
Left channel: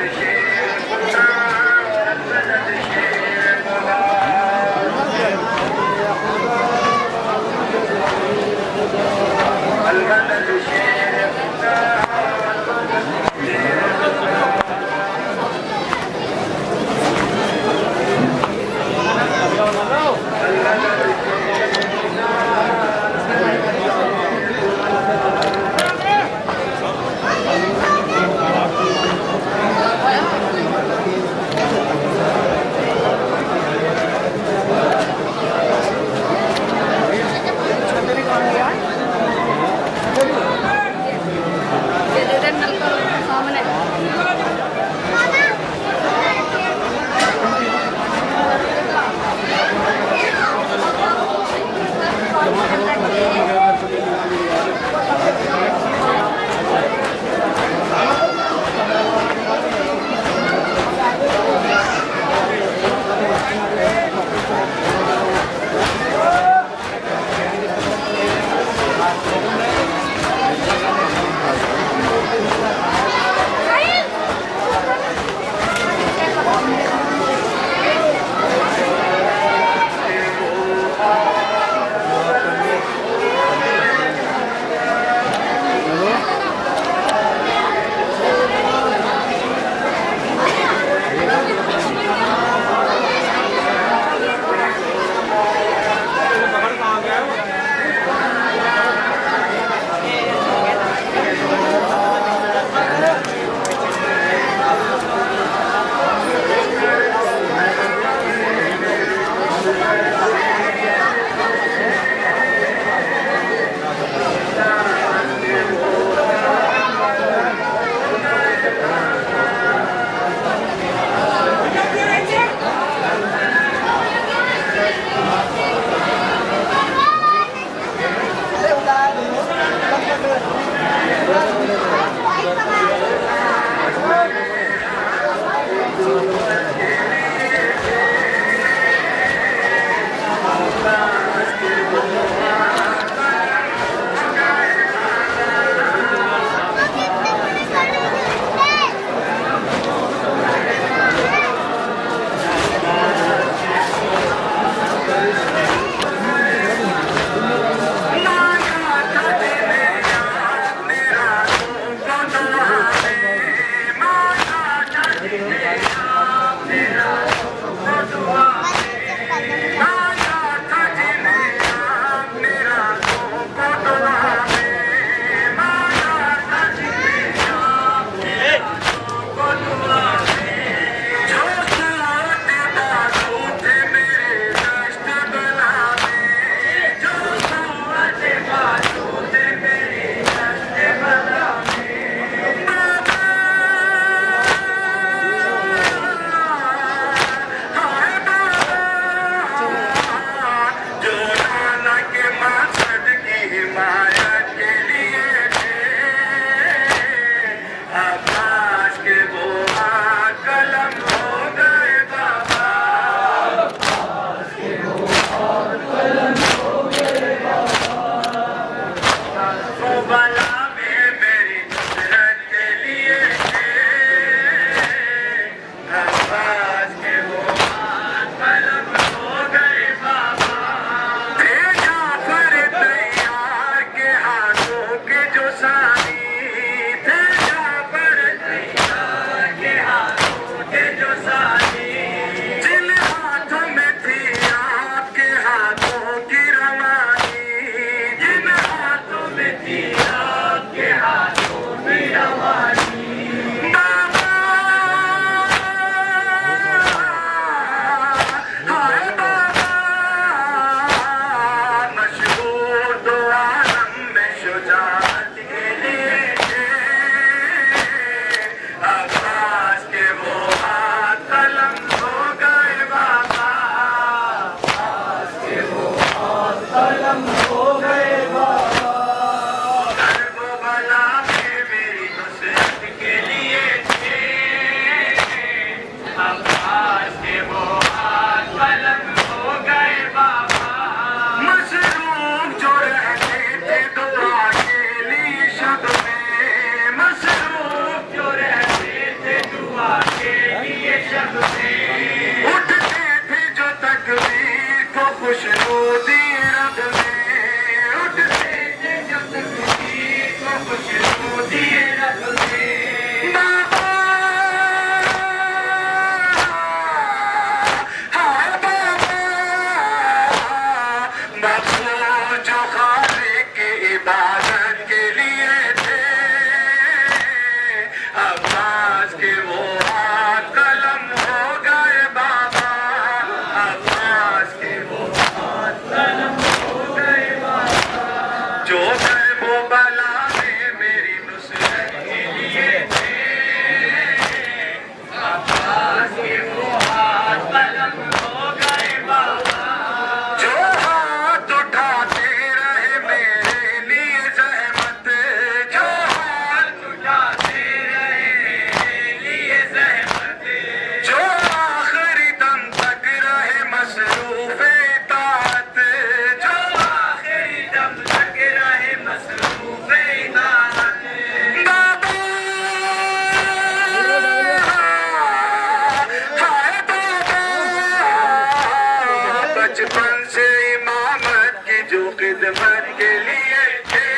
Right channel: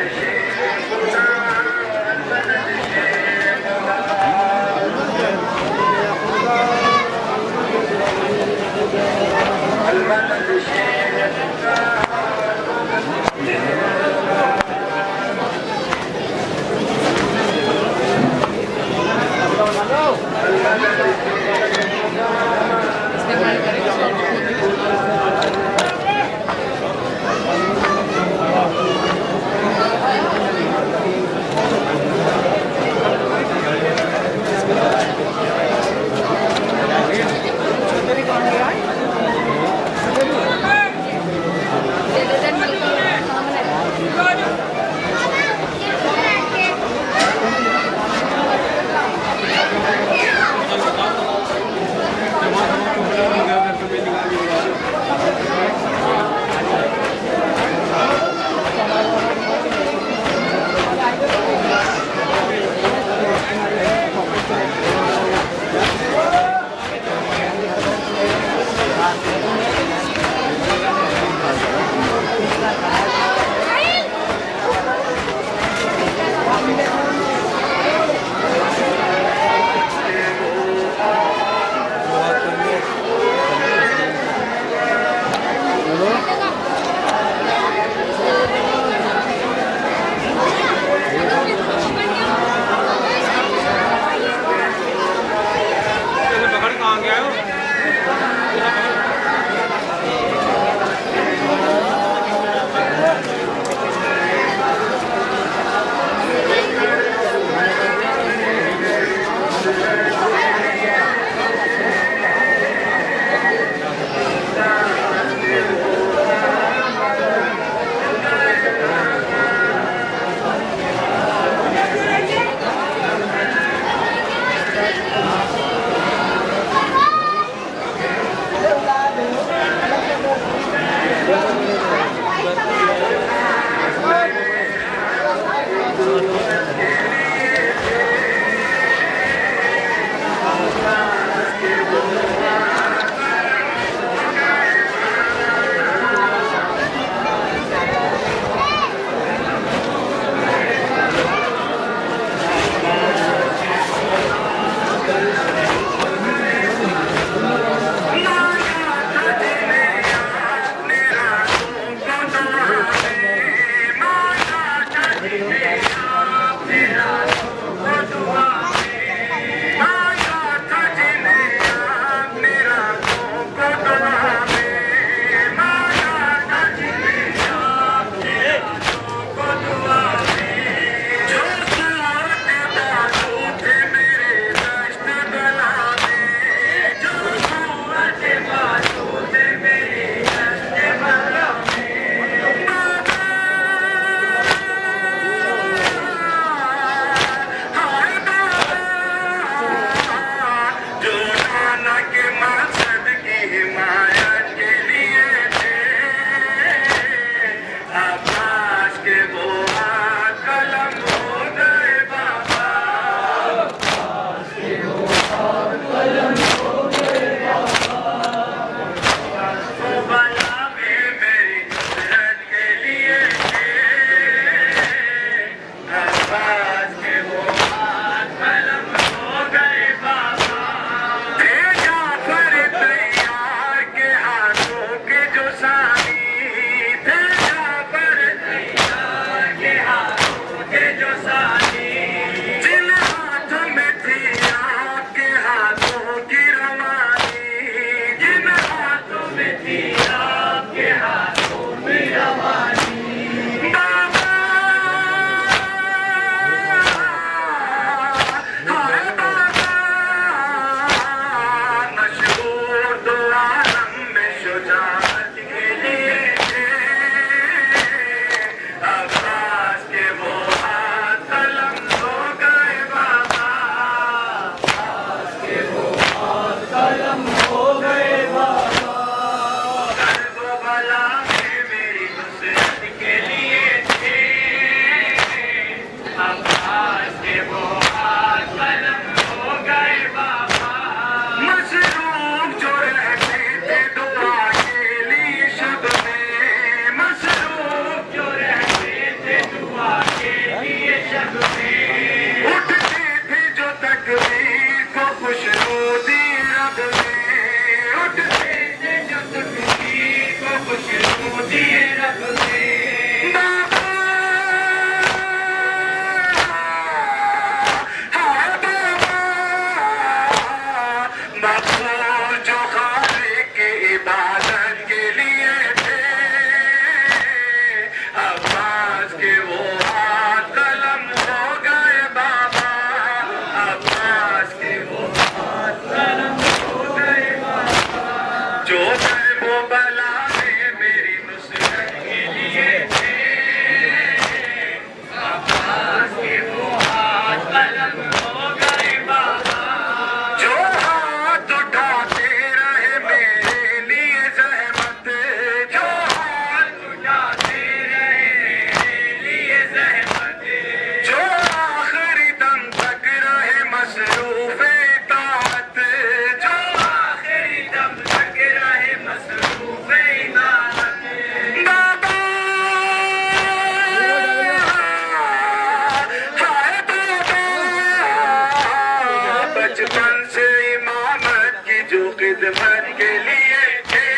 भर के लिए थे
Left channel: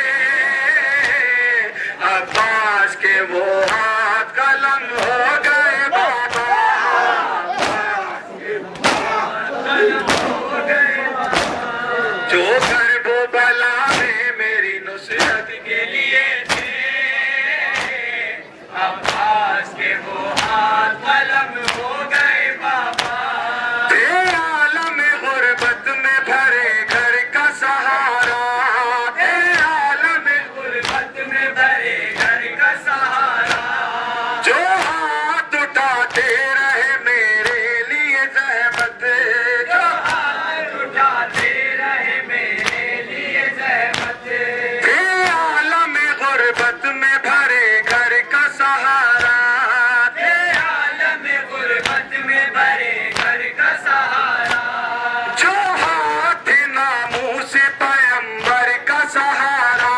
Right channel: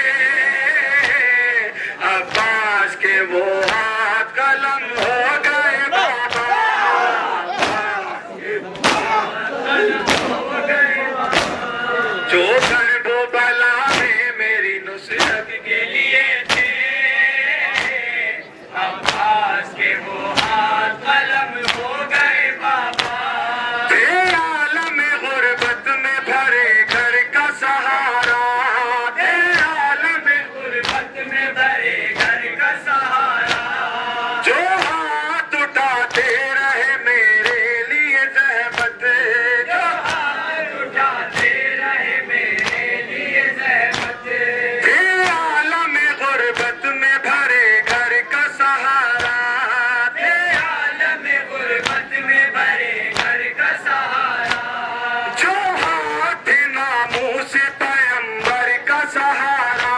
अब्बास के वो हाथ कलम हो गए बाबा जो करबो बला में मेरी नुसरत के लिए थे अब्बास के वो हाथ कलम हो गए बाबा आलम गुर्बत में भरे घर का सहारा आलम गुर्बत में भरे घर का सहारा जो हाथ उठाते रहे मेरे लिए जहमत जो हाथ उठाते रहे मेरे लिए जहमत आलम गुर्बत में भरे घर का सहारा आलम गुर्बत में भरे घर का सहारा जो हाथ नामों से पैगंबर का सहारा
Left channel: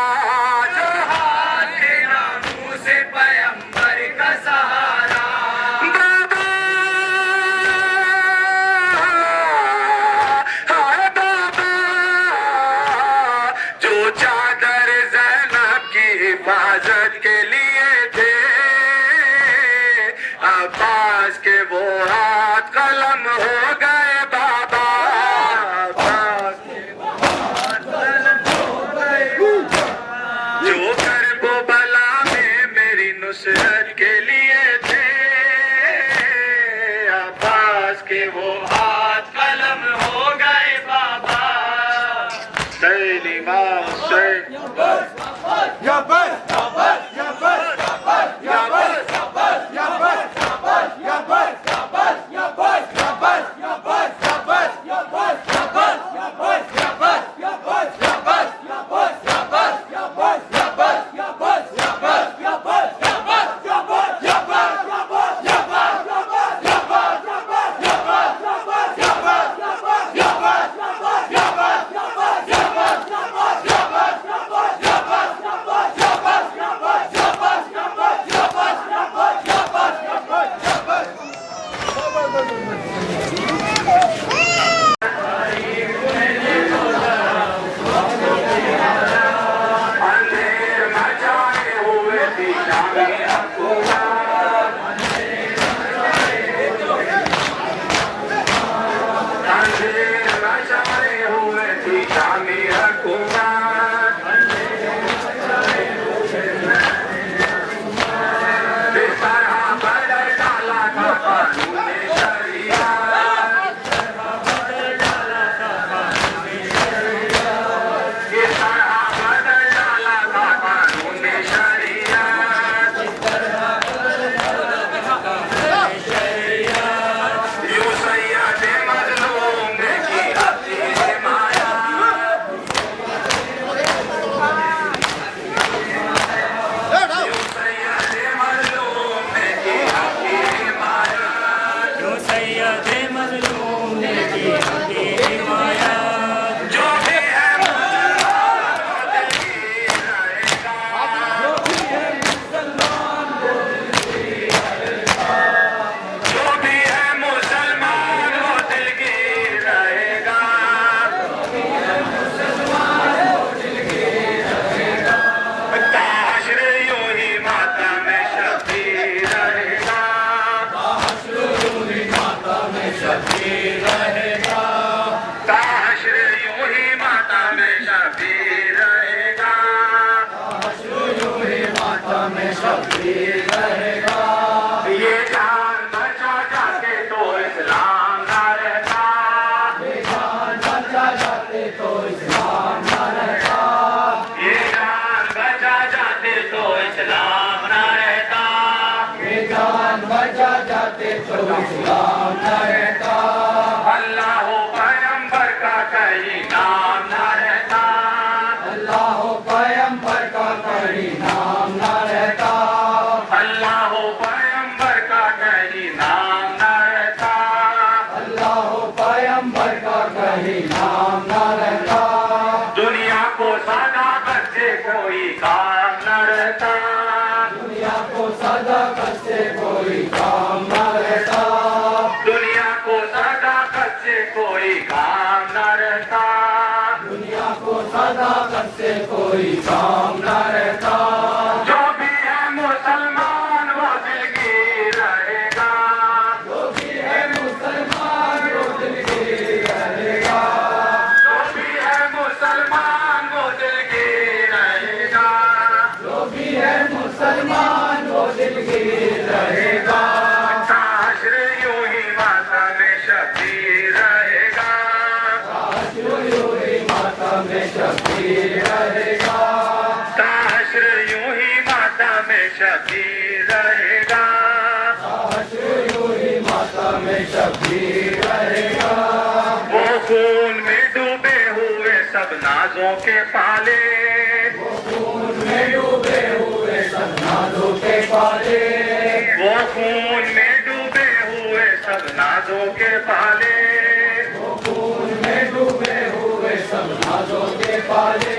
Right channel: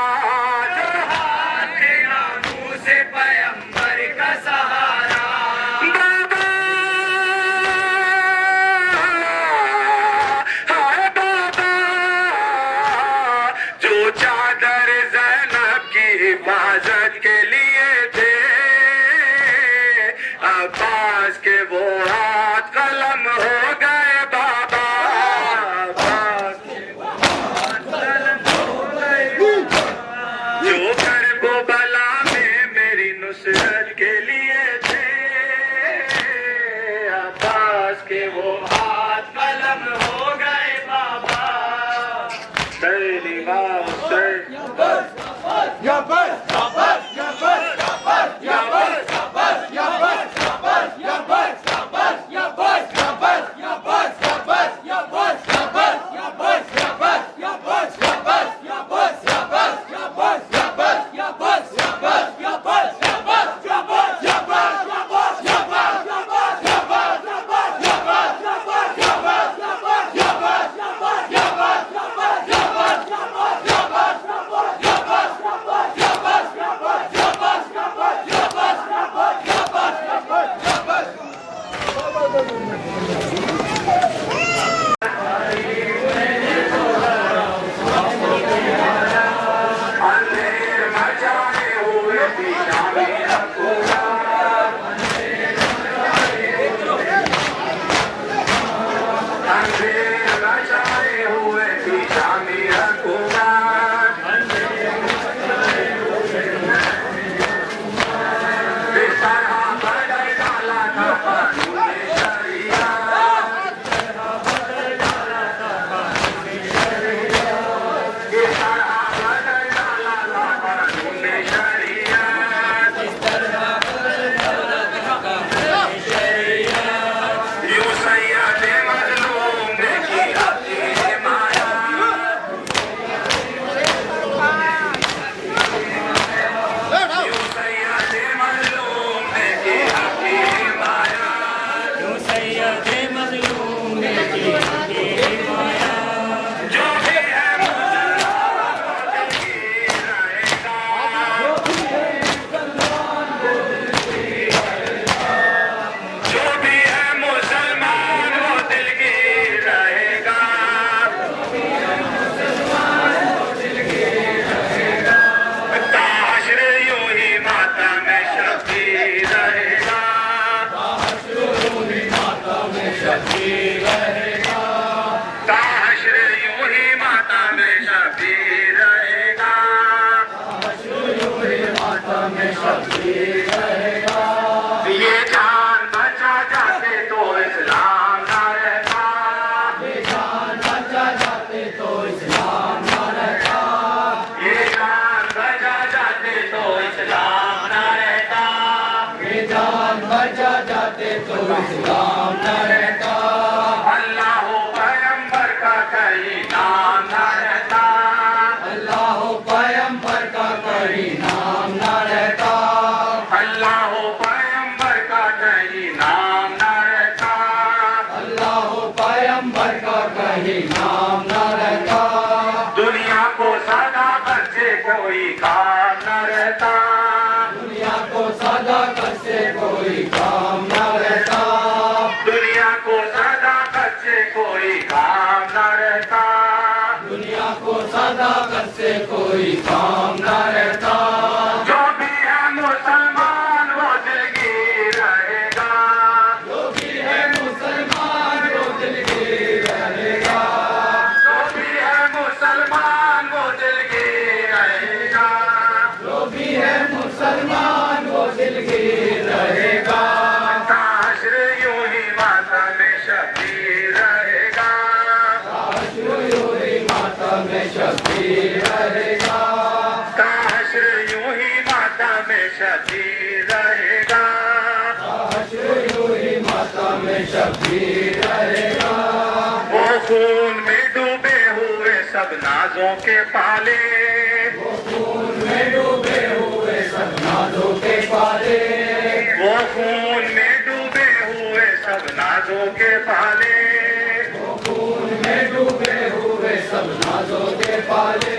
जो हाथ नामों से पैगंबर का सहारा बाबा हाय बाबा जो चादर ज़ैनब की हिफाजत के लिए थे अब्बास के वो हाथ कलम हो गए बाबा अब्बास के वो हाथ कलम हो गए जो करबो बला में मेरी नुसरत के लिए थे अब्बास के वो हाथ कलम हो गए बाबा सैलिंगा सै ये जान बचा जाते तो इस्लाम ना रहता ये जान बचा जाते तो इस्लाम ना रहता ये जान बचा जाते तो इस्लाम ना रहता ये जान बचा जाते तो इस्लाम ना रहता अल्लाह पैगंबर का कहीं नाम ना रहता अल्लाह पैगंबर का कहीं नाम ना रहता अल्लाह पैगंबर का कहीं नाम ना रहता अल्लाह पैगंबर का कहीं नाम ना रहता दुनिया को सदाकत से कोई काम न रहता दुनिया को सदाकत से कोई काम न रहता दुनिया को सदाकत से कोई काम न रहता दुनिया को सदा उधर से कोई काम न रहता। जो भी है मुसलमान वो दिलगीर रहेगा। जो भी है मुसलमान वो दिलगीर रहेगा। जो भी है मुसलमान वो दिलगीर रहेगा। जो भी है मुसलमान वो दिलगीर रहेगा। काश यूं ही माता में शबीर रहेगा। काश यूं ही माता में शबीर रहेगा। काश यूं ही माता में शबीर रहेगा। काश यूं ही माता में शबीर रहेगा। वो खून में डूबे हुए सब नाजों के पाले। वो खून में डूबे हुए सब नाजों के पाले। वो खून में डूबे हुए सब नाजों के पाले। वो खून में डूबे हुए सब नाजों के पाले।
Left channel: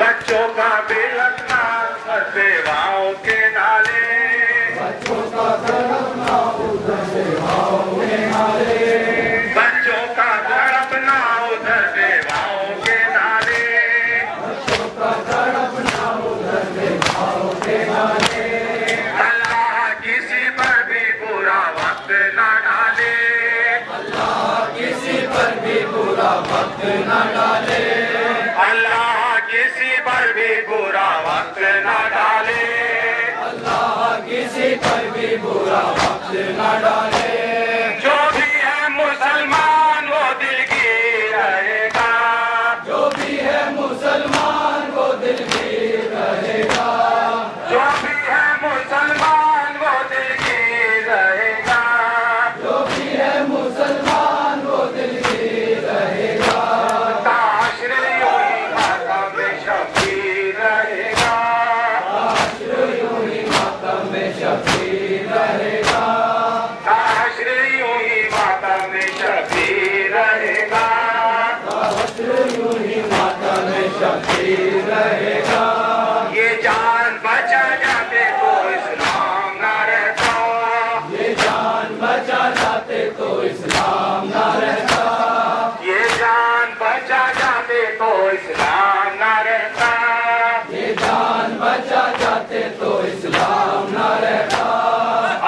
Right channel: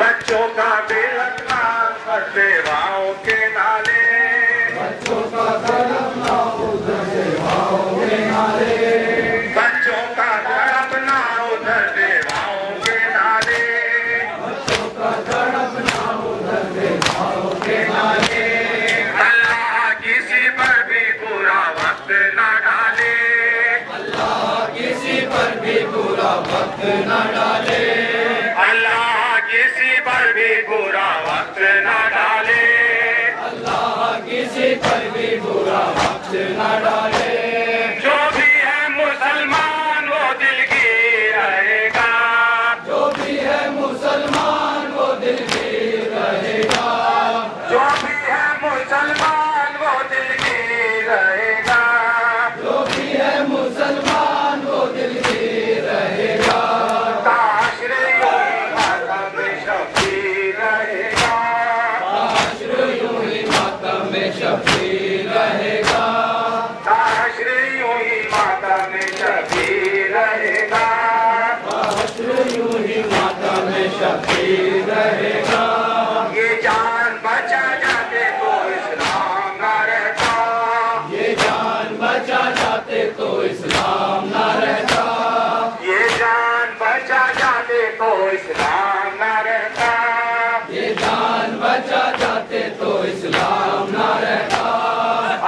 बच्चों का बेलखना सेवाओं के नाले। बच्चों का तड़पना उधर सेवाओं के नाले। बच्चों का तड़पना उधर सेवाओं के नाले। बच्चों का तड़पना उधर सेवाओं के नाले। अल्लाह किसी पर भी बुरा वक्त न डाले। अल्लाह किसी पर भी बुरा वक्त न डाले। अल्लाह किसी पर भी बुरा वक्त न डाले। अल्लाह किसी पर भी बुरा वक्त न डाले। जो भी है मुसलमान वो दिलगीर रहेगा। जो भी है मुसलमान वो दिलगीर रहेगा। जो भी है मुसलमान वो दिलगीर रहेगा। जो भी है मुसलमान वो दिलगीर रहेगा। काश यूं ही माता में शबीर रहेगा। काश यूं ही माता में शबीर रहेगा। काश यूं ही माता में शबीर रहेगा। काश यूं ही माता में शबीर रहेगा। ये जान बचा जाते तो इस्लाम न रहता। ये जान बचा जाते तो इस्लाम न रहता। ये जान बचा जाते तो इस्लाम न रहता। ये जान बचा जाते तो इस्लाम न रहता।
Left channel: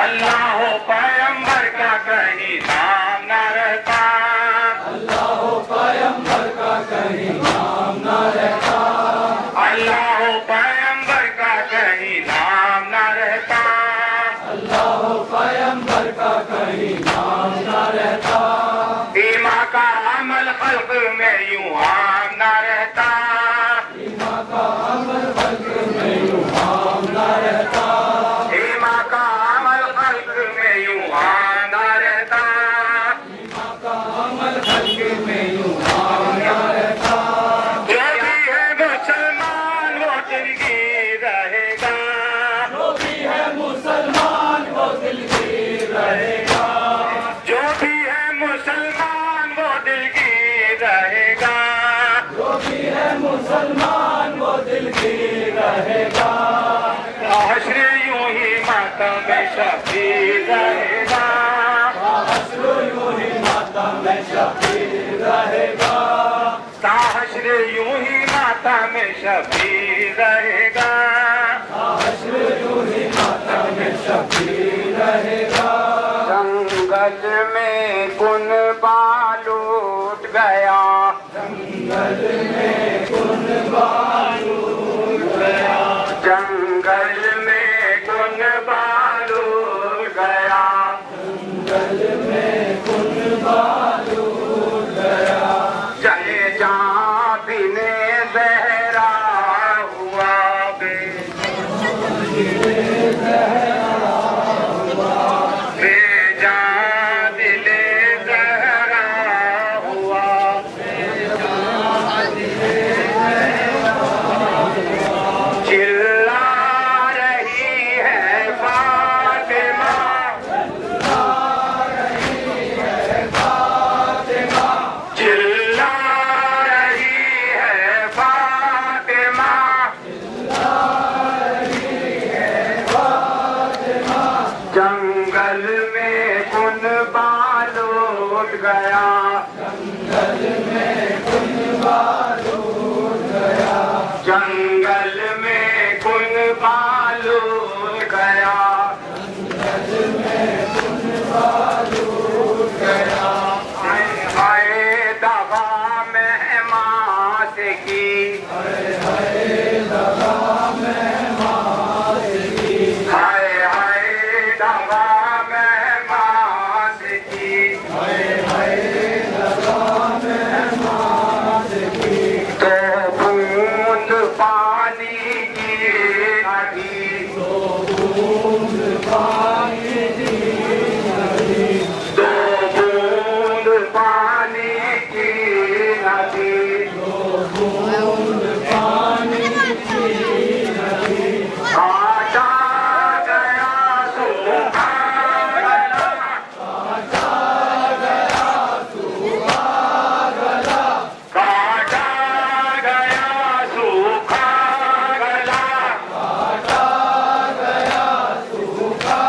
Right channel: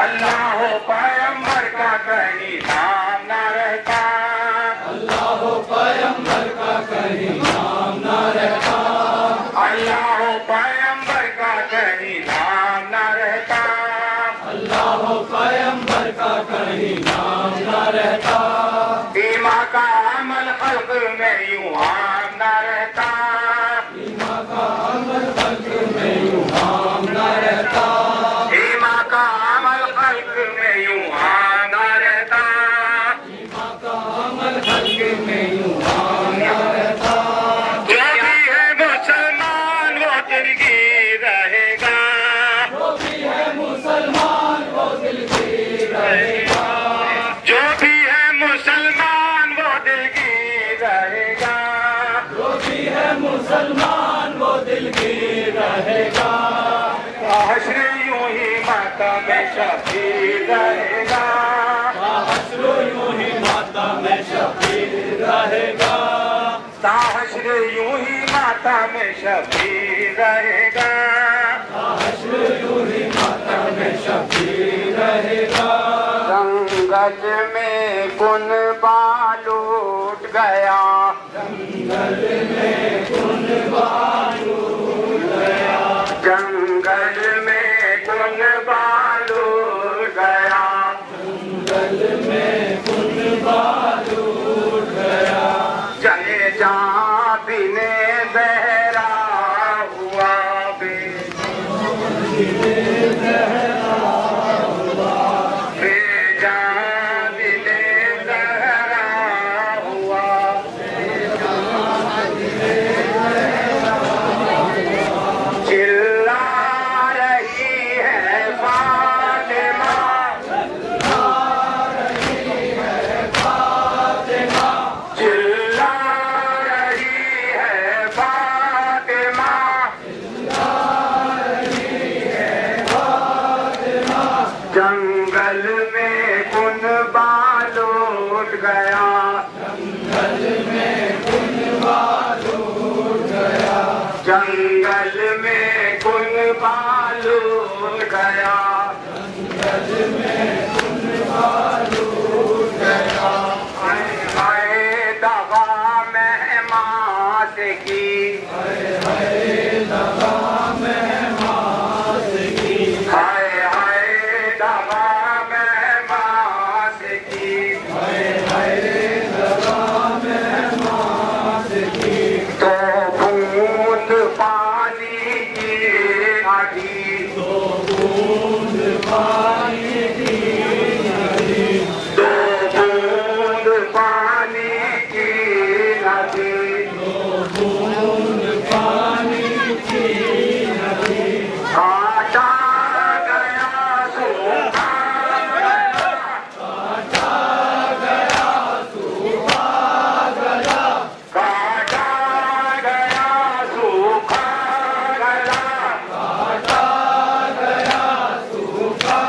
अल्लाह पैगंबर का कहीं नाम न रहता। अल्लाह पैगंबर का कहीं नाम न रहता। अल्लाह पैगंबर का कहीं नाम न रहता। अल्लाह पैगंबर का कहीं नाम न रहता। ईमा का अमल खल्क में यूं आम न रहता। ईमा का अमल खल्क में यूं आम न रहता। ईमा का अमल खल्क में यूं आम न रहता। ईमा का अमल खल्क में यूं आम न रहता। जो भी है मुसलमान वो दिलगीर रहेगा। जो भी है मुसलमान वो दिलगीर रहेगा। जो भी है मुसलमान वो दिलगीर रहेगा। जो भी है मुसलमान वो दिलगीर रहेगा। काश यूं ही माता में शबीर रहेगा। काश यूं ही माता में शबीर रहेगा। काश यूं ही माता में शबीर रहेगा। काश यूं ही माता में शबीर रहेगा। जंगल में कुन बालूट गया। जंगल में कुन बालूट गया। जंगल में कुन बालूट गया। जंगल में कुन बालूट गया। चले जा बिने बहरा हुआ बे। बेजा दिले जहरा हुआ। चिल्ला रही है फातिमा। चिल्ला रही है फातिमा। जंगल में कुन बालूट गया। जंगल में कुन बालूट गया। दवा में बांस की, तो बूंद पानी की नदी, तो बूंद पानी की नदी, काटा गया सूखा गला, काटा गया सूखा गला, काटा गया सूखा गला, काटा गया सूखा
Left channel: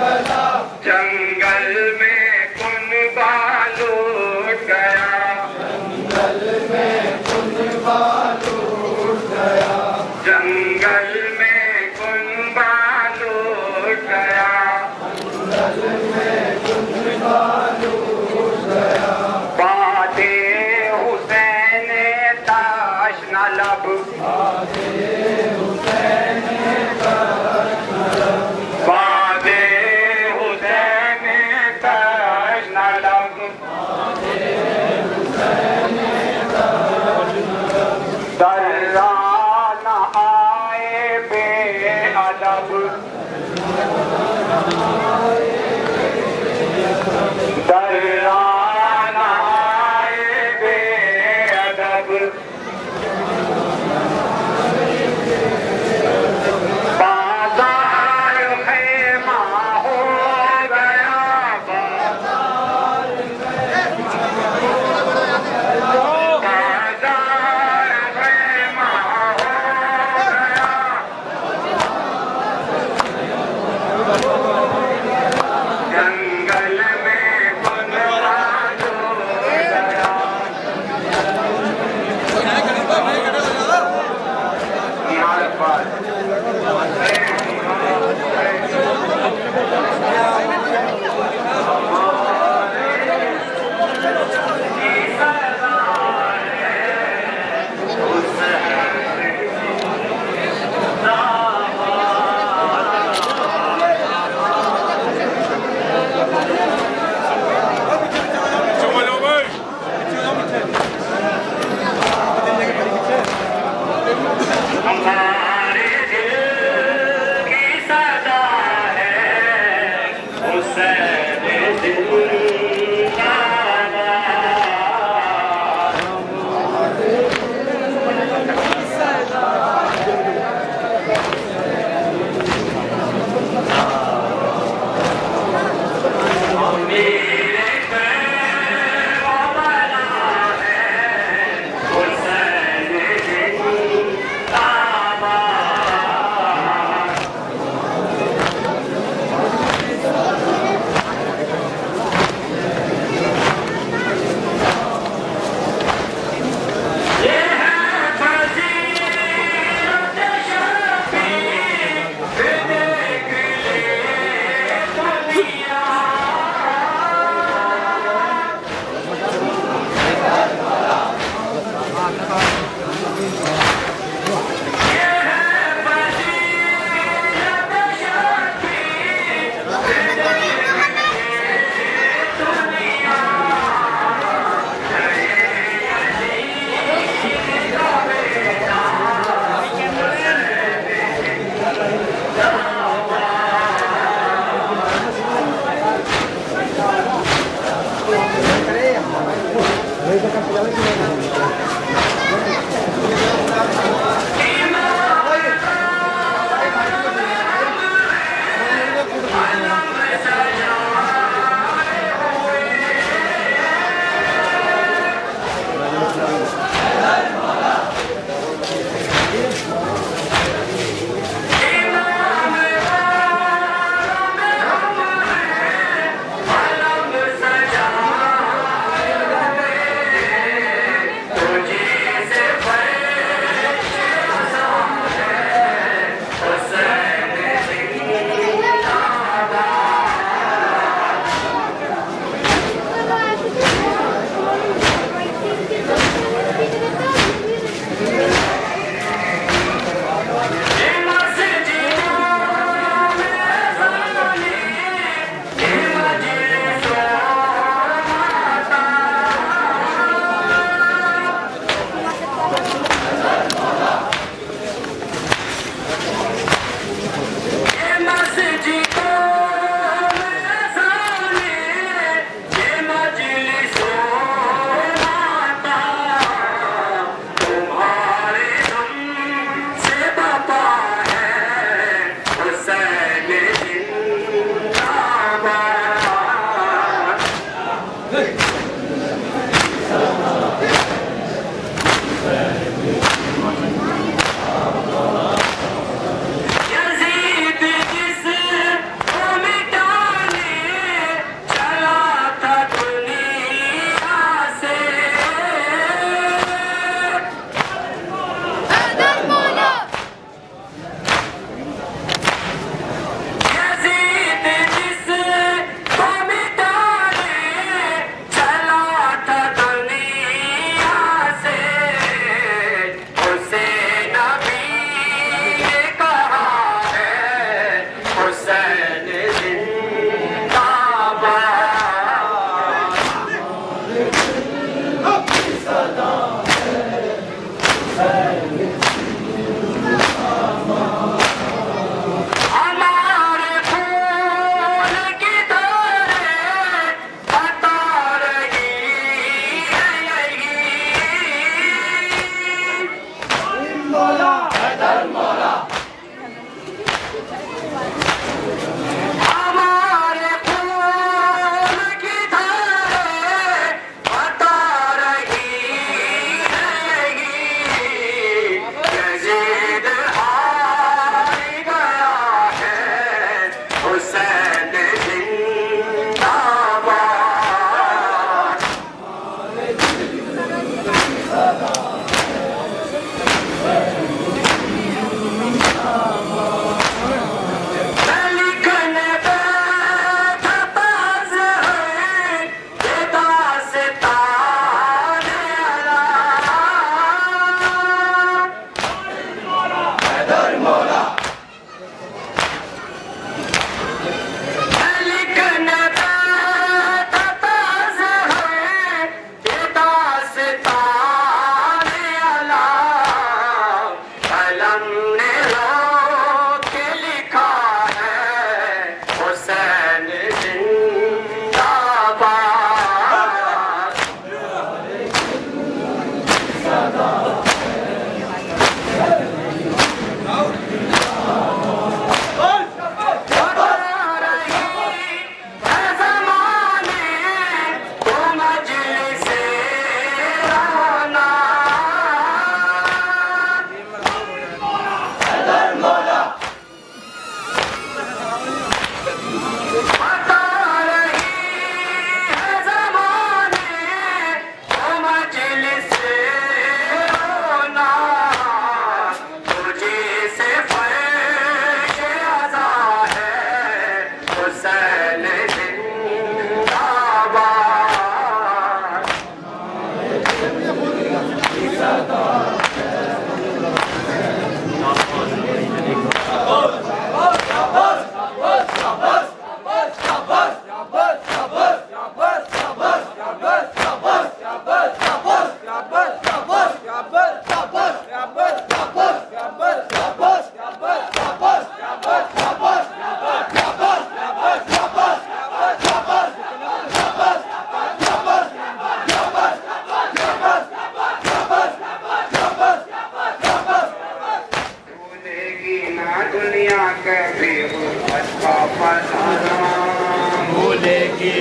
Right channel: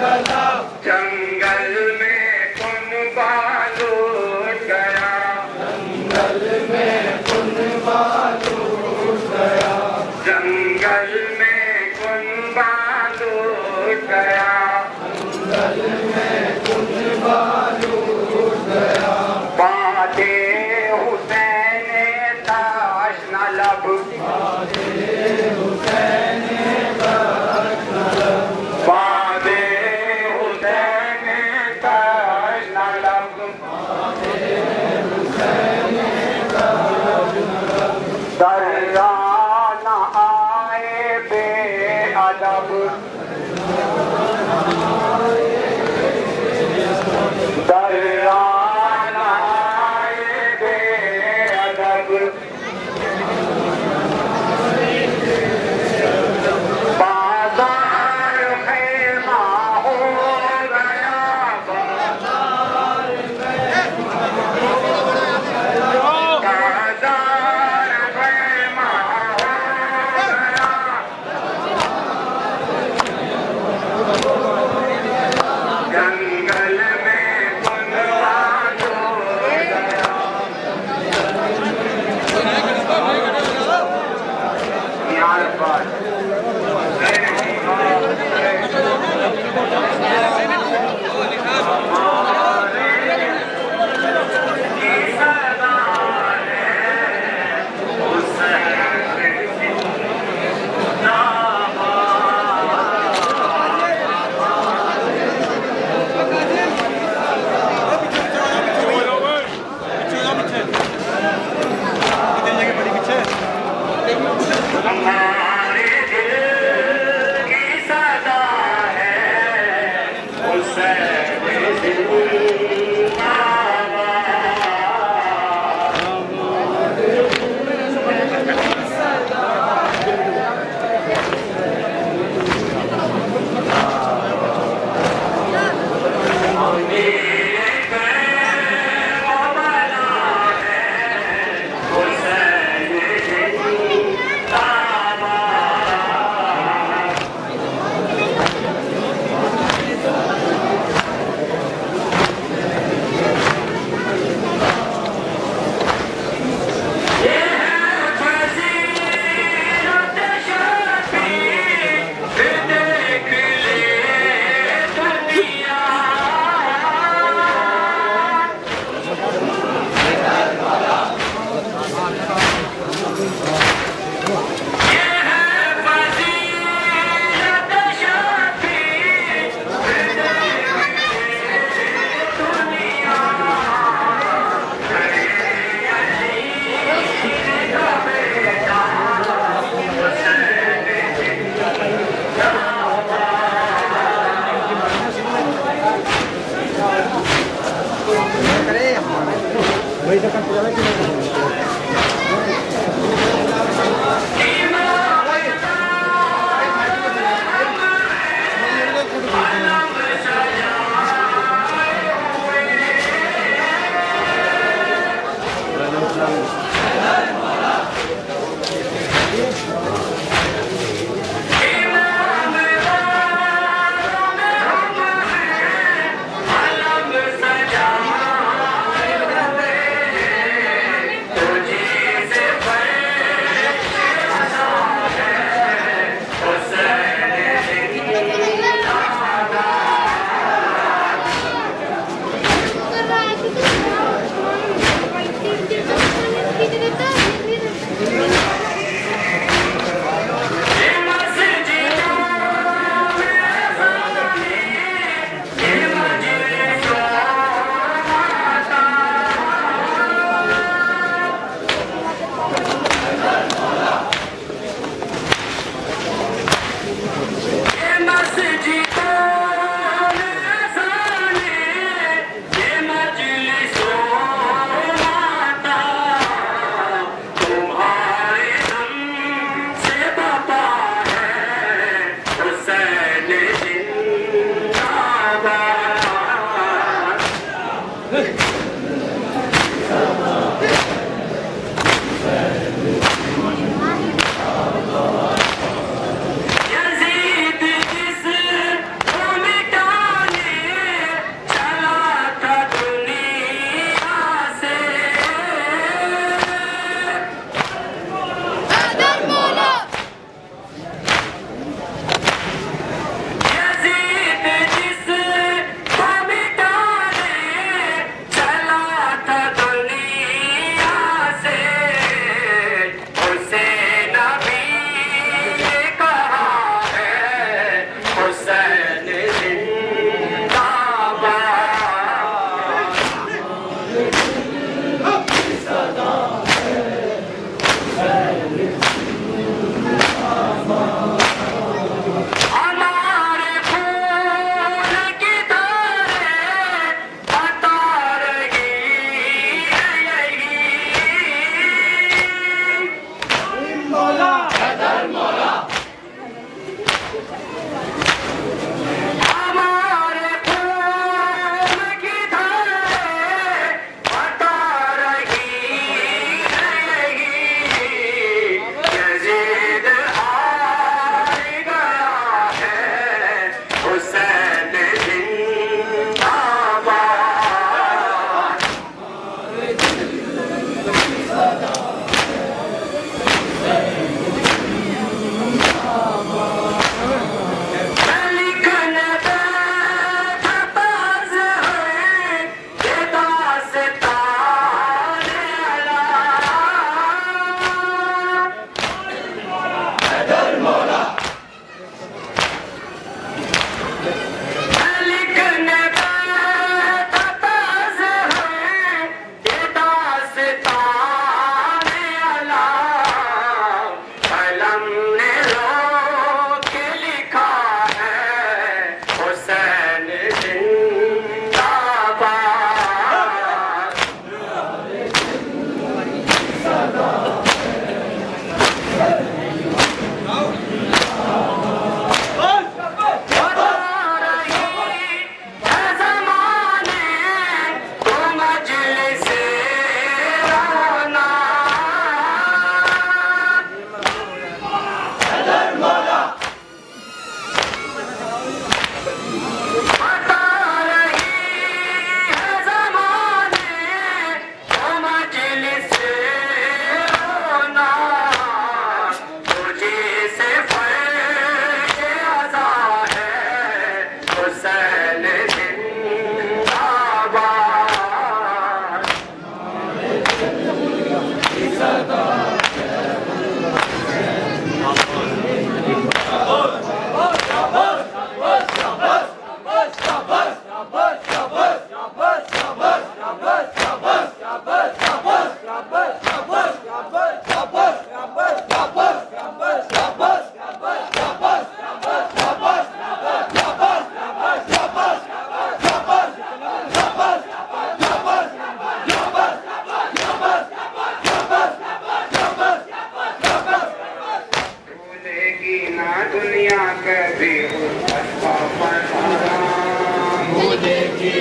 गला, जंगल में कुनबा लूट गया, जंगल में कुनबा लूट गया, जंगल में कुनबा लूट गया, जंगल में कुनबा लूट गया, बादे हुसैन ताश न लब, बादे हुसैन ताश न लब, बादे हुसैन ताश न लब, बादे हुसैन ताश न लब, दर्रा न आए बेअदब, दर्रा न आए बेअदब, बाजार खेमा हो गया, बाजार खेमा हो गया, जंगल में कुनबा लूट गया, निहाल अब्बास हमारे दिल की सदा है हुसैन जिंदाबाद। मेरे पैरों वाला है हुसैन जिंदाबाद। ये है फजीलत शफी, देख ले दुनिया। ये है फजीलत शफी, देख ले दुनिया। अलग सजा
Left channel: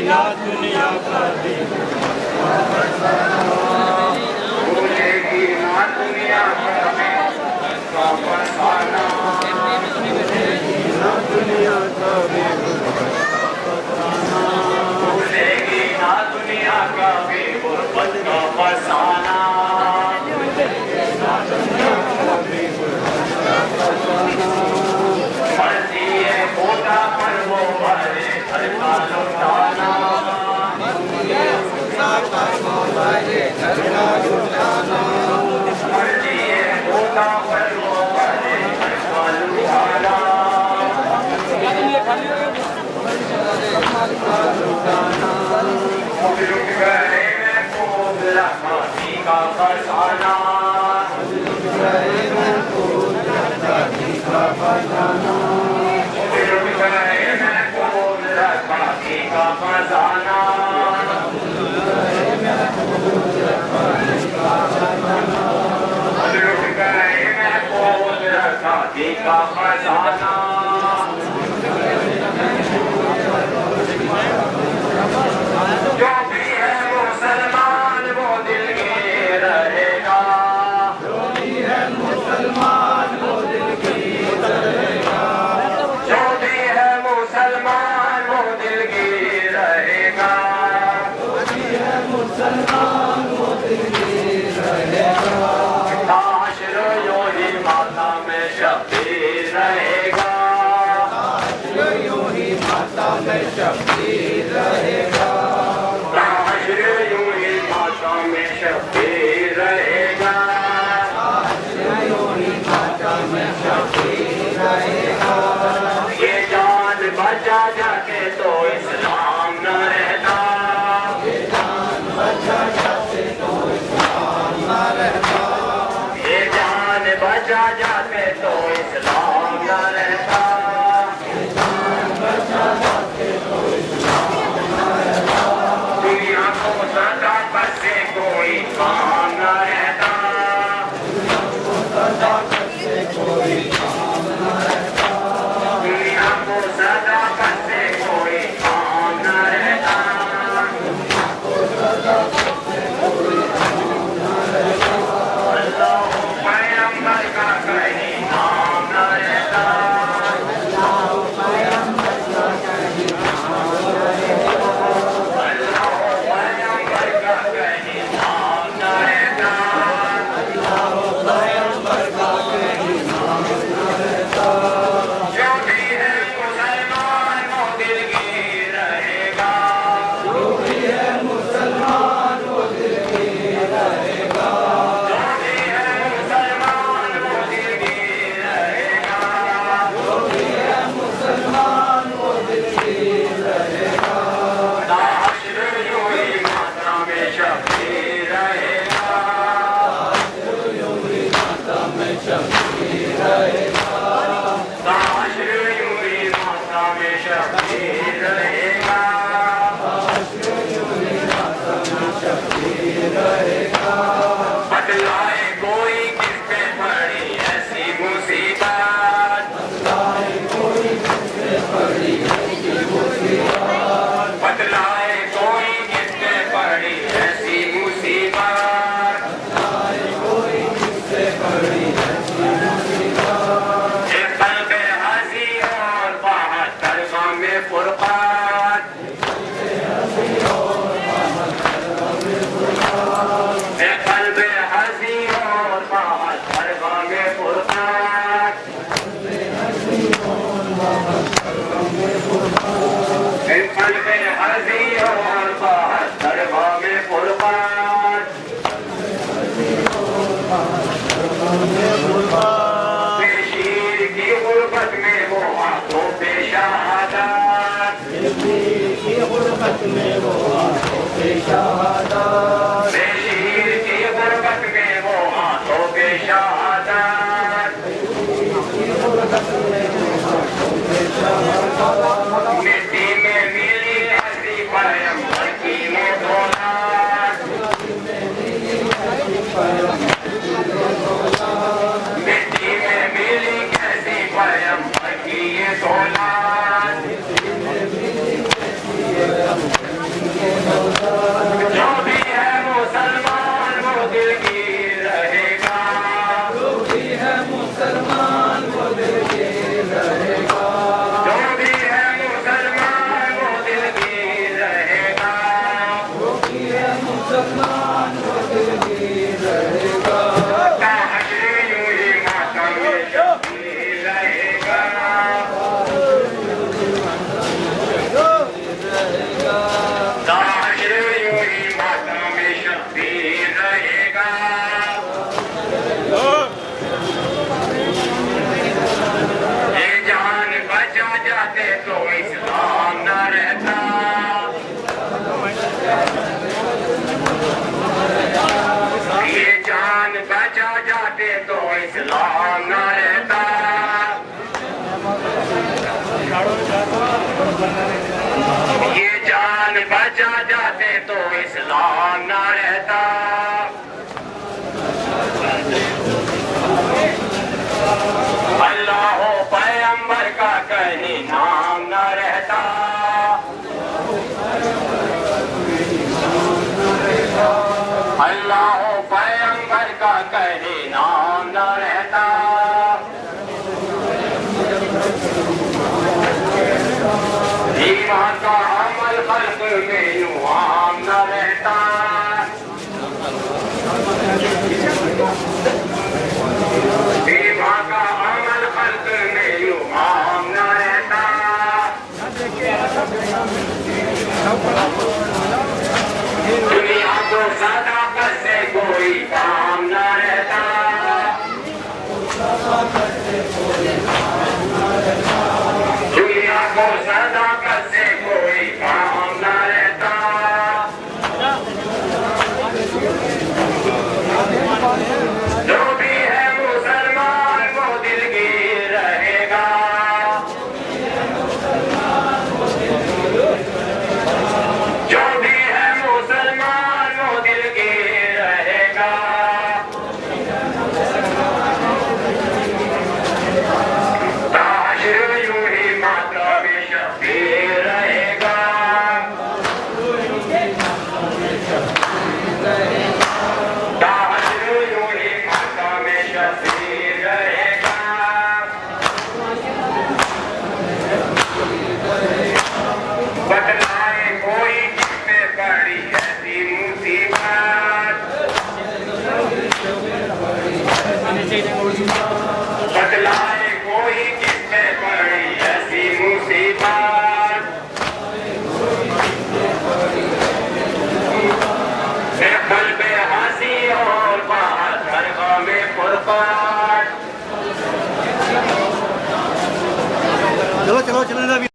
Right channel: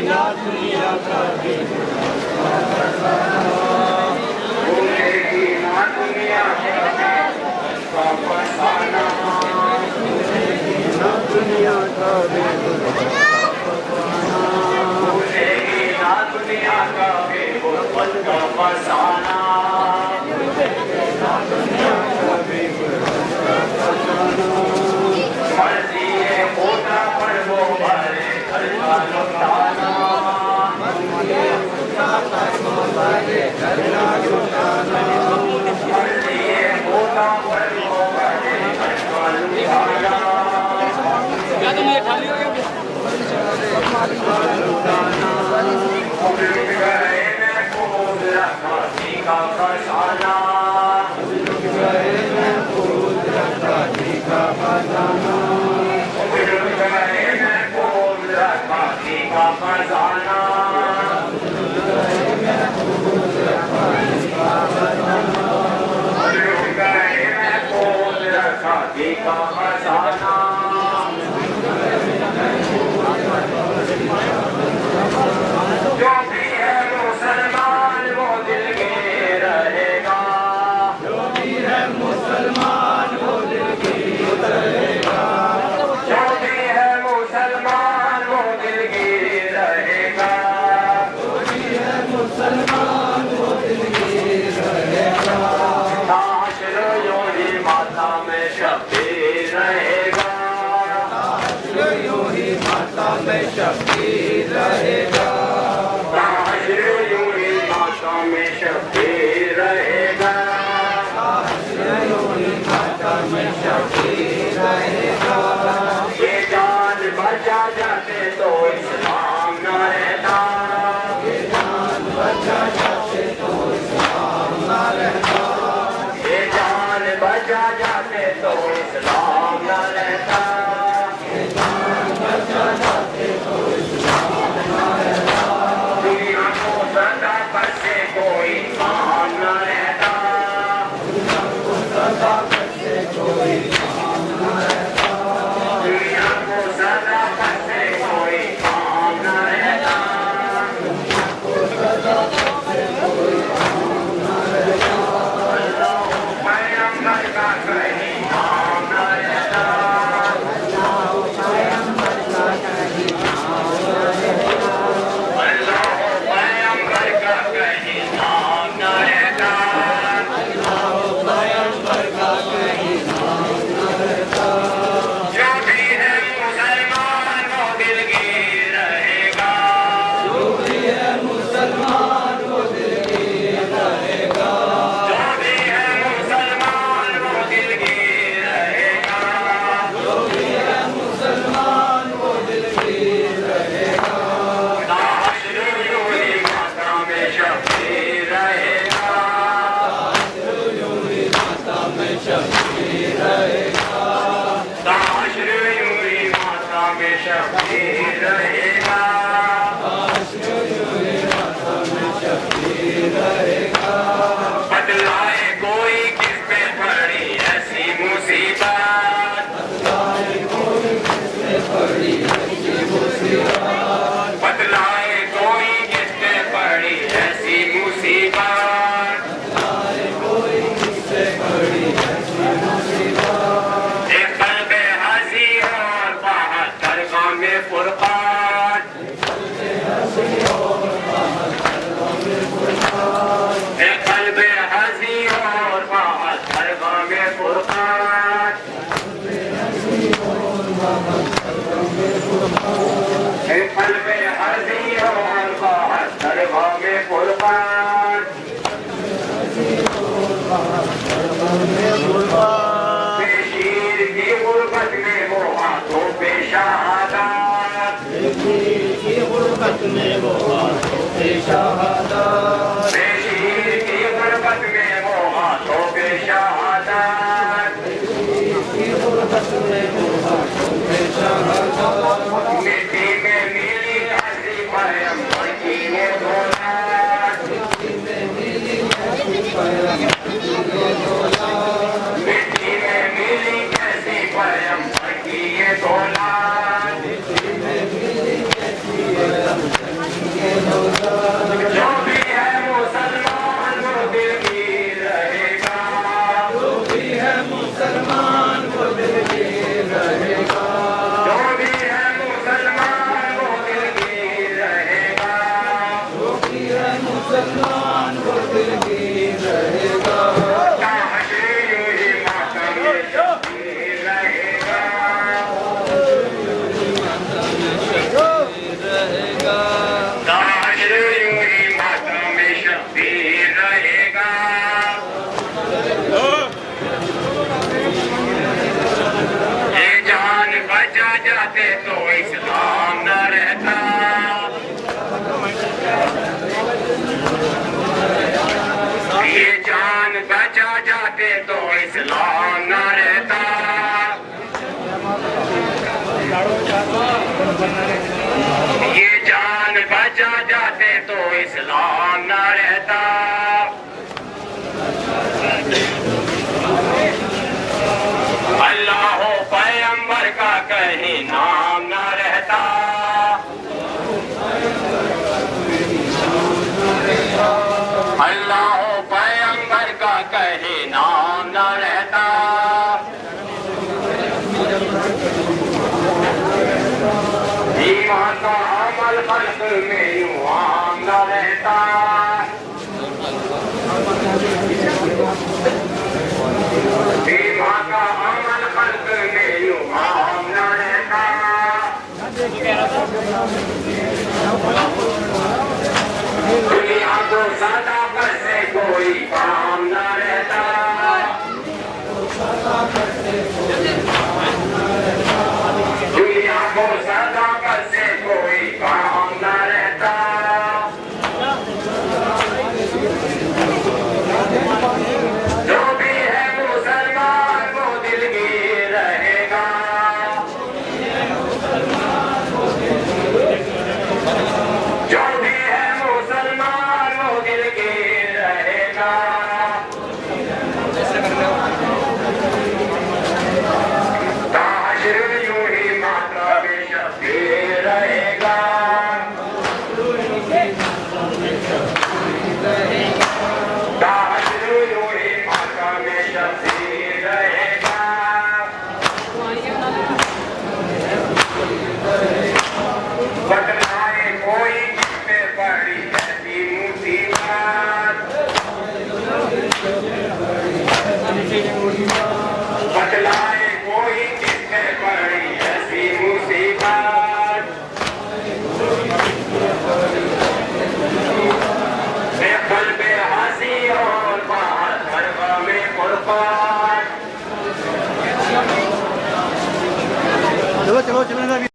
ना दुनिया का भी पूछेगी ना दुनिया का फसाना, पूछेगी ना दुनिया का भी पूछेगी ना दुनिया का भी गुर्बत का फसाना। मर्जी है खुदा पर वो भरे घर का लुटाना, मर्जी है खुदा पर वो भरे घर का लुटाना। लुट गए महफूज रखाती का फसाना, लुट गए महफूज रखाती का फसाना, लुट गए महफूज रखाती का फसाना, लुट गए महफूज रखाती का फसाना, लुट गए महफूज रखाती का फसाना। जो भी है मुसलमान वो दिल के रहेगा, जो भी है मुसलमान वो दिल की रहेगा, जो भी है मुसलमान वो दिल की रहेगा, जो भी है मुसलमान वो दिल की रहेगा। ताशर यूं ही माता में शब्बीर रहेगा, ताशर यूं ही माता में शब्बीर रहेगा, ताशर यूं ही माता में शब्बीर रहेगा, ताशर यूं ही माता में शब्बीर रहेगा। ये जान बचा जाते तो इस्लाम न रहता, ये जान बचा जाते तो इस्लाम न रहता, ये जान बचा जाते तो इस्लाम न रहता, ये जान बचा जाते तो इस्लाम न रहता। दुनिया को सदाकत से कोई काम न रहता, दुनिया को सदाकत से कोई काम न रहता, दुनिया को सदाकत से कोई काम न रहता, दुनिया को सदाकत से कोई काम न रहता। अल्लाह पैगंबर का कहीं नाम न रहता, अल्लाह पैगंबर का कहीं नाम न रहता, अल्लाह पैगंबर का कहीं नाम न रहता, अल्लाह पैगंबर का कहीं नाम न रहता। जो भी है मुसलमान वो दिल की रहेगा, जो भी है मुसलमान वो दिल की रहेगा, जो भी है मुसलमान वो दिल की रहेगा, जो भी है मुसलमान वो दिल की रहेगा। ताशर यूं ही माता में शब्बीर रहेगा, ताशर यूं ही माता में शब्बीर रहेगा, ताशर यूं ही माता में शब्बीर रहेगा, ताशर यूं ही माता में शब्बीर रहेगा। बतलाए कोई किस पे पड़ी ऐसी मुसीबत, बतलाए कोई किस पे पड़ी ऐसी मुसीबत, बतलाए कोई किस पे पड़ी ऐसी मुसीबत, बतलाए कोई किस पे पड़ी ऐसी मुसीबत। एक कल्ब हंसी और बहत्तर गाम में फुरकान, एक कल्ब हंसी और बहत्तर गाम में फुरकान, एक कल्ब हंसी और बहत्तर गाम में फुरकान, एक कल्ब हंसी और बहत्तर गाम में फुरकान। बेशीर की गुर्बत में वो हाथों पे शहादत, बेशीर की गुर्बत में वो हाथों पे शहादत, बेशीर की गुर्बत में वो हाथों पे शहादत, मिट्टी में मिली ऐसी पैगंबर की ये दौलत, मिट्टी में मिली ऐसी पैगंबर की ये दौलत, इस्लाम न रहता। ये जान बचा जाते तो इस्लाम न रहता। अल्लाह पैगंबर का कहीं नाम न रहता। अल्लाह पैगंबर का कहीं नाम न रहता। ईमान का अमल खल्क में यूं आम न रहता। ईमान का अमल खल्क में यूं आम न रहता। दुनिया को सदाकत से कोई काम न रहता। दुनिया को सदाकत से कोई काम न रहता। जो भी है मुसलमान वो दिलगीर रहेगा। जो भी है मुसलमान वो दिलगीर रहेगा। ताशर यूं ही माता में शबीर रहेगा। ताशर यूं ही माता में शबीर रहेगा। बतलाए कोई किस पे पड़ी ऐसी मुसीबत। बतलाए कोई किस पे पड़ी ऐसी मुसीबत। बेपल पे हंसी और बात मरवा में फुरकान। चलो चलो चलो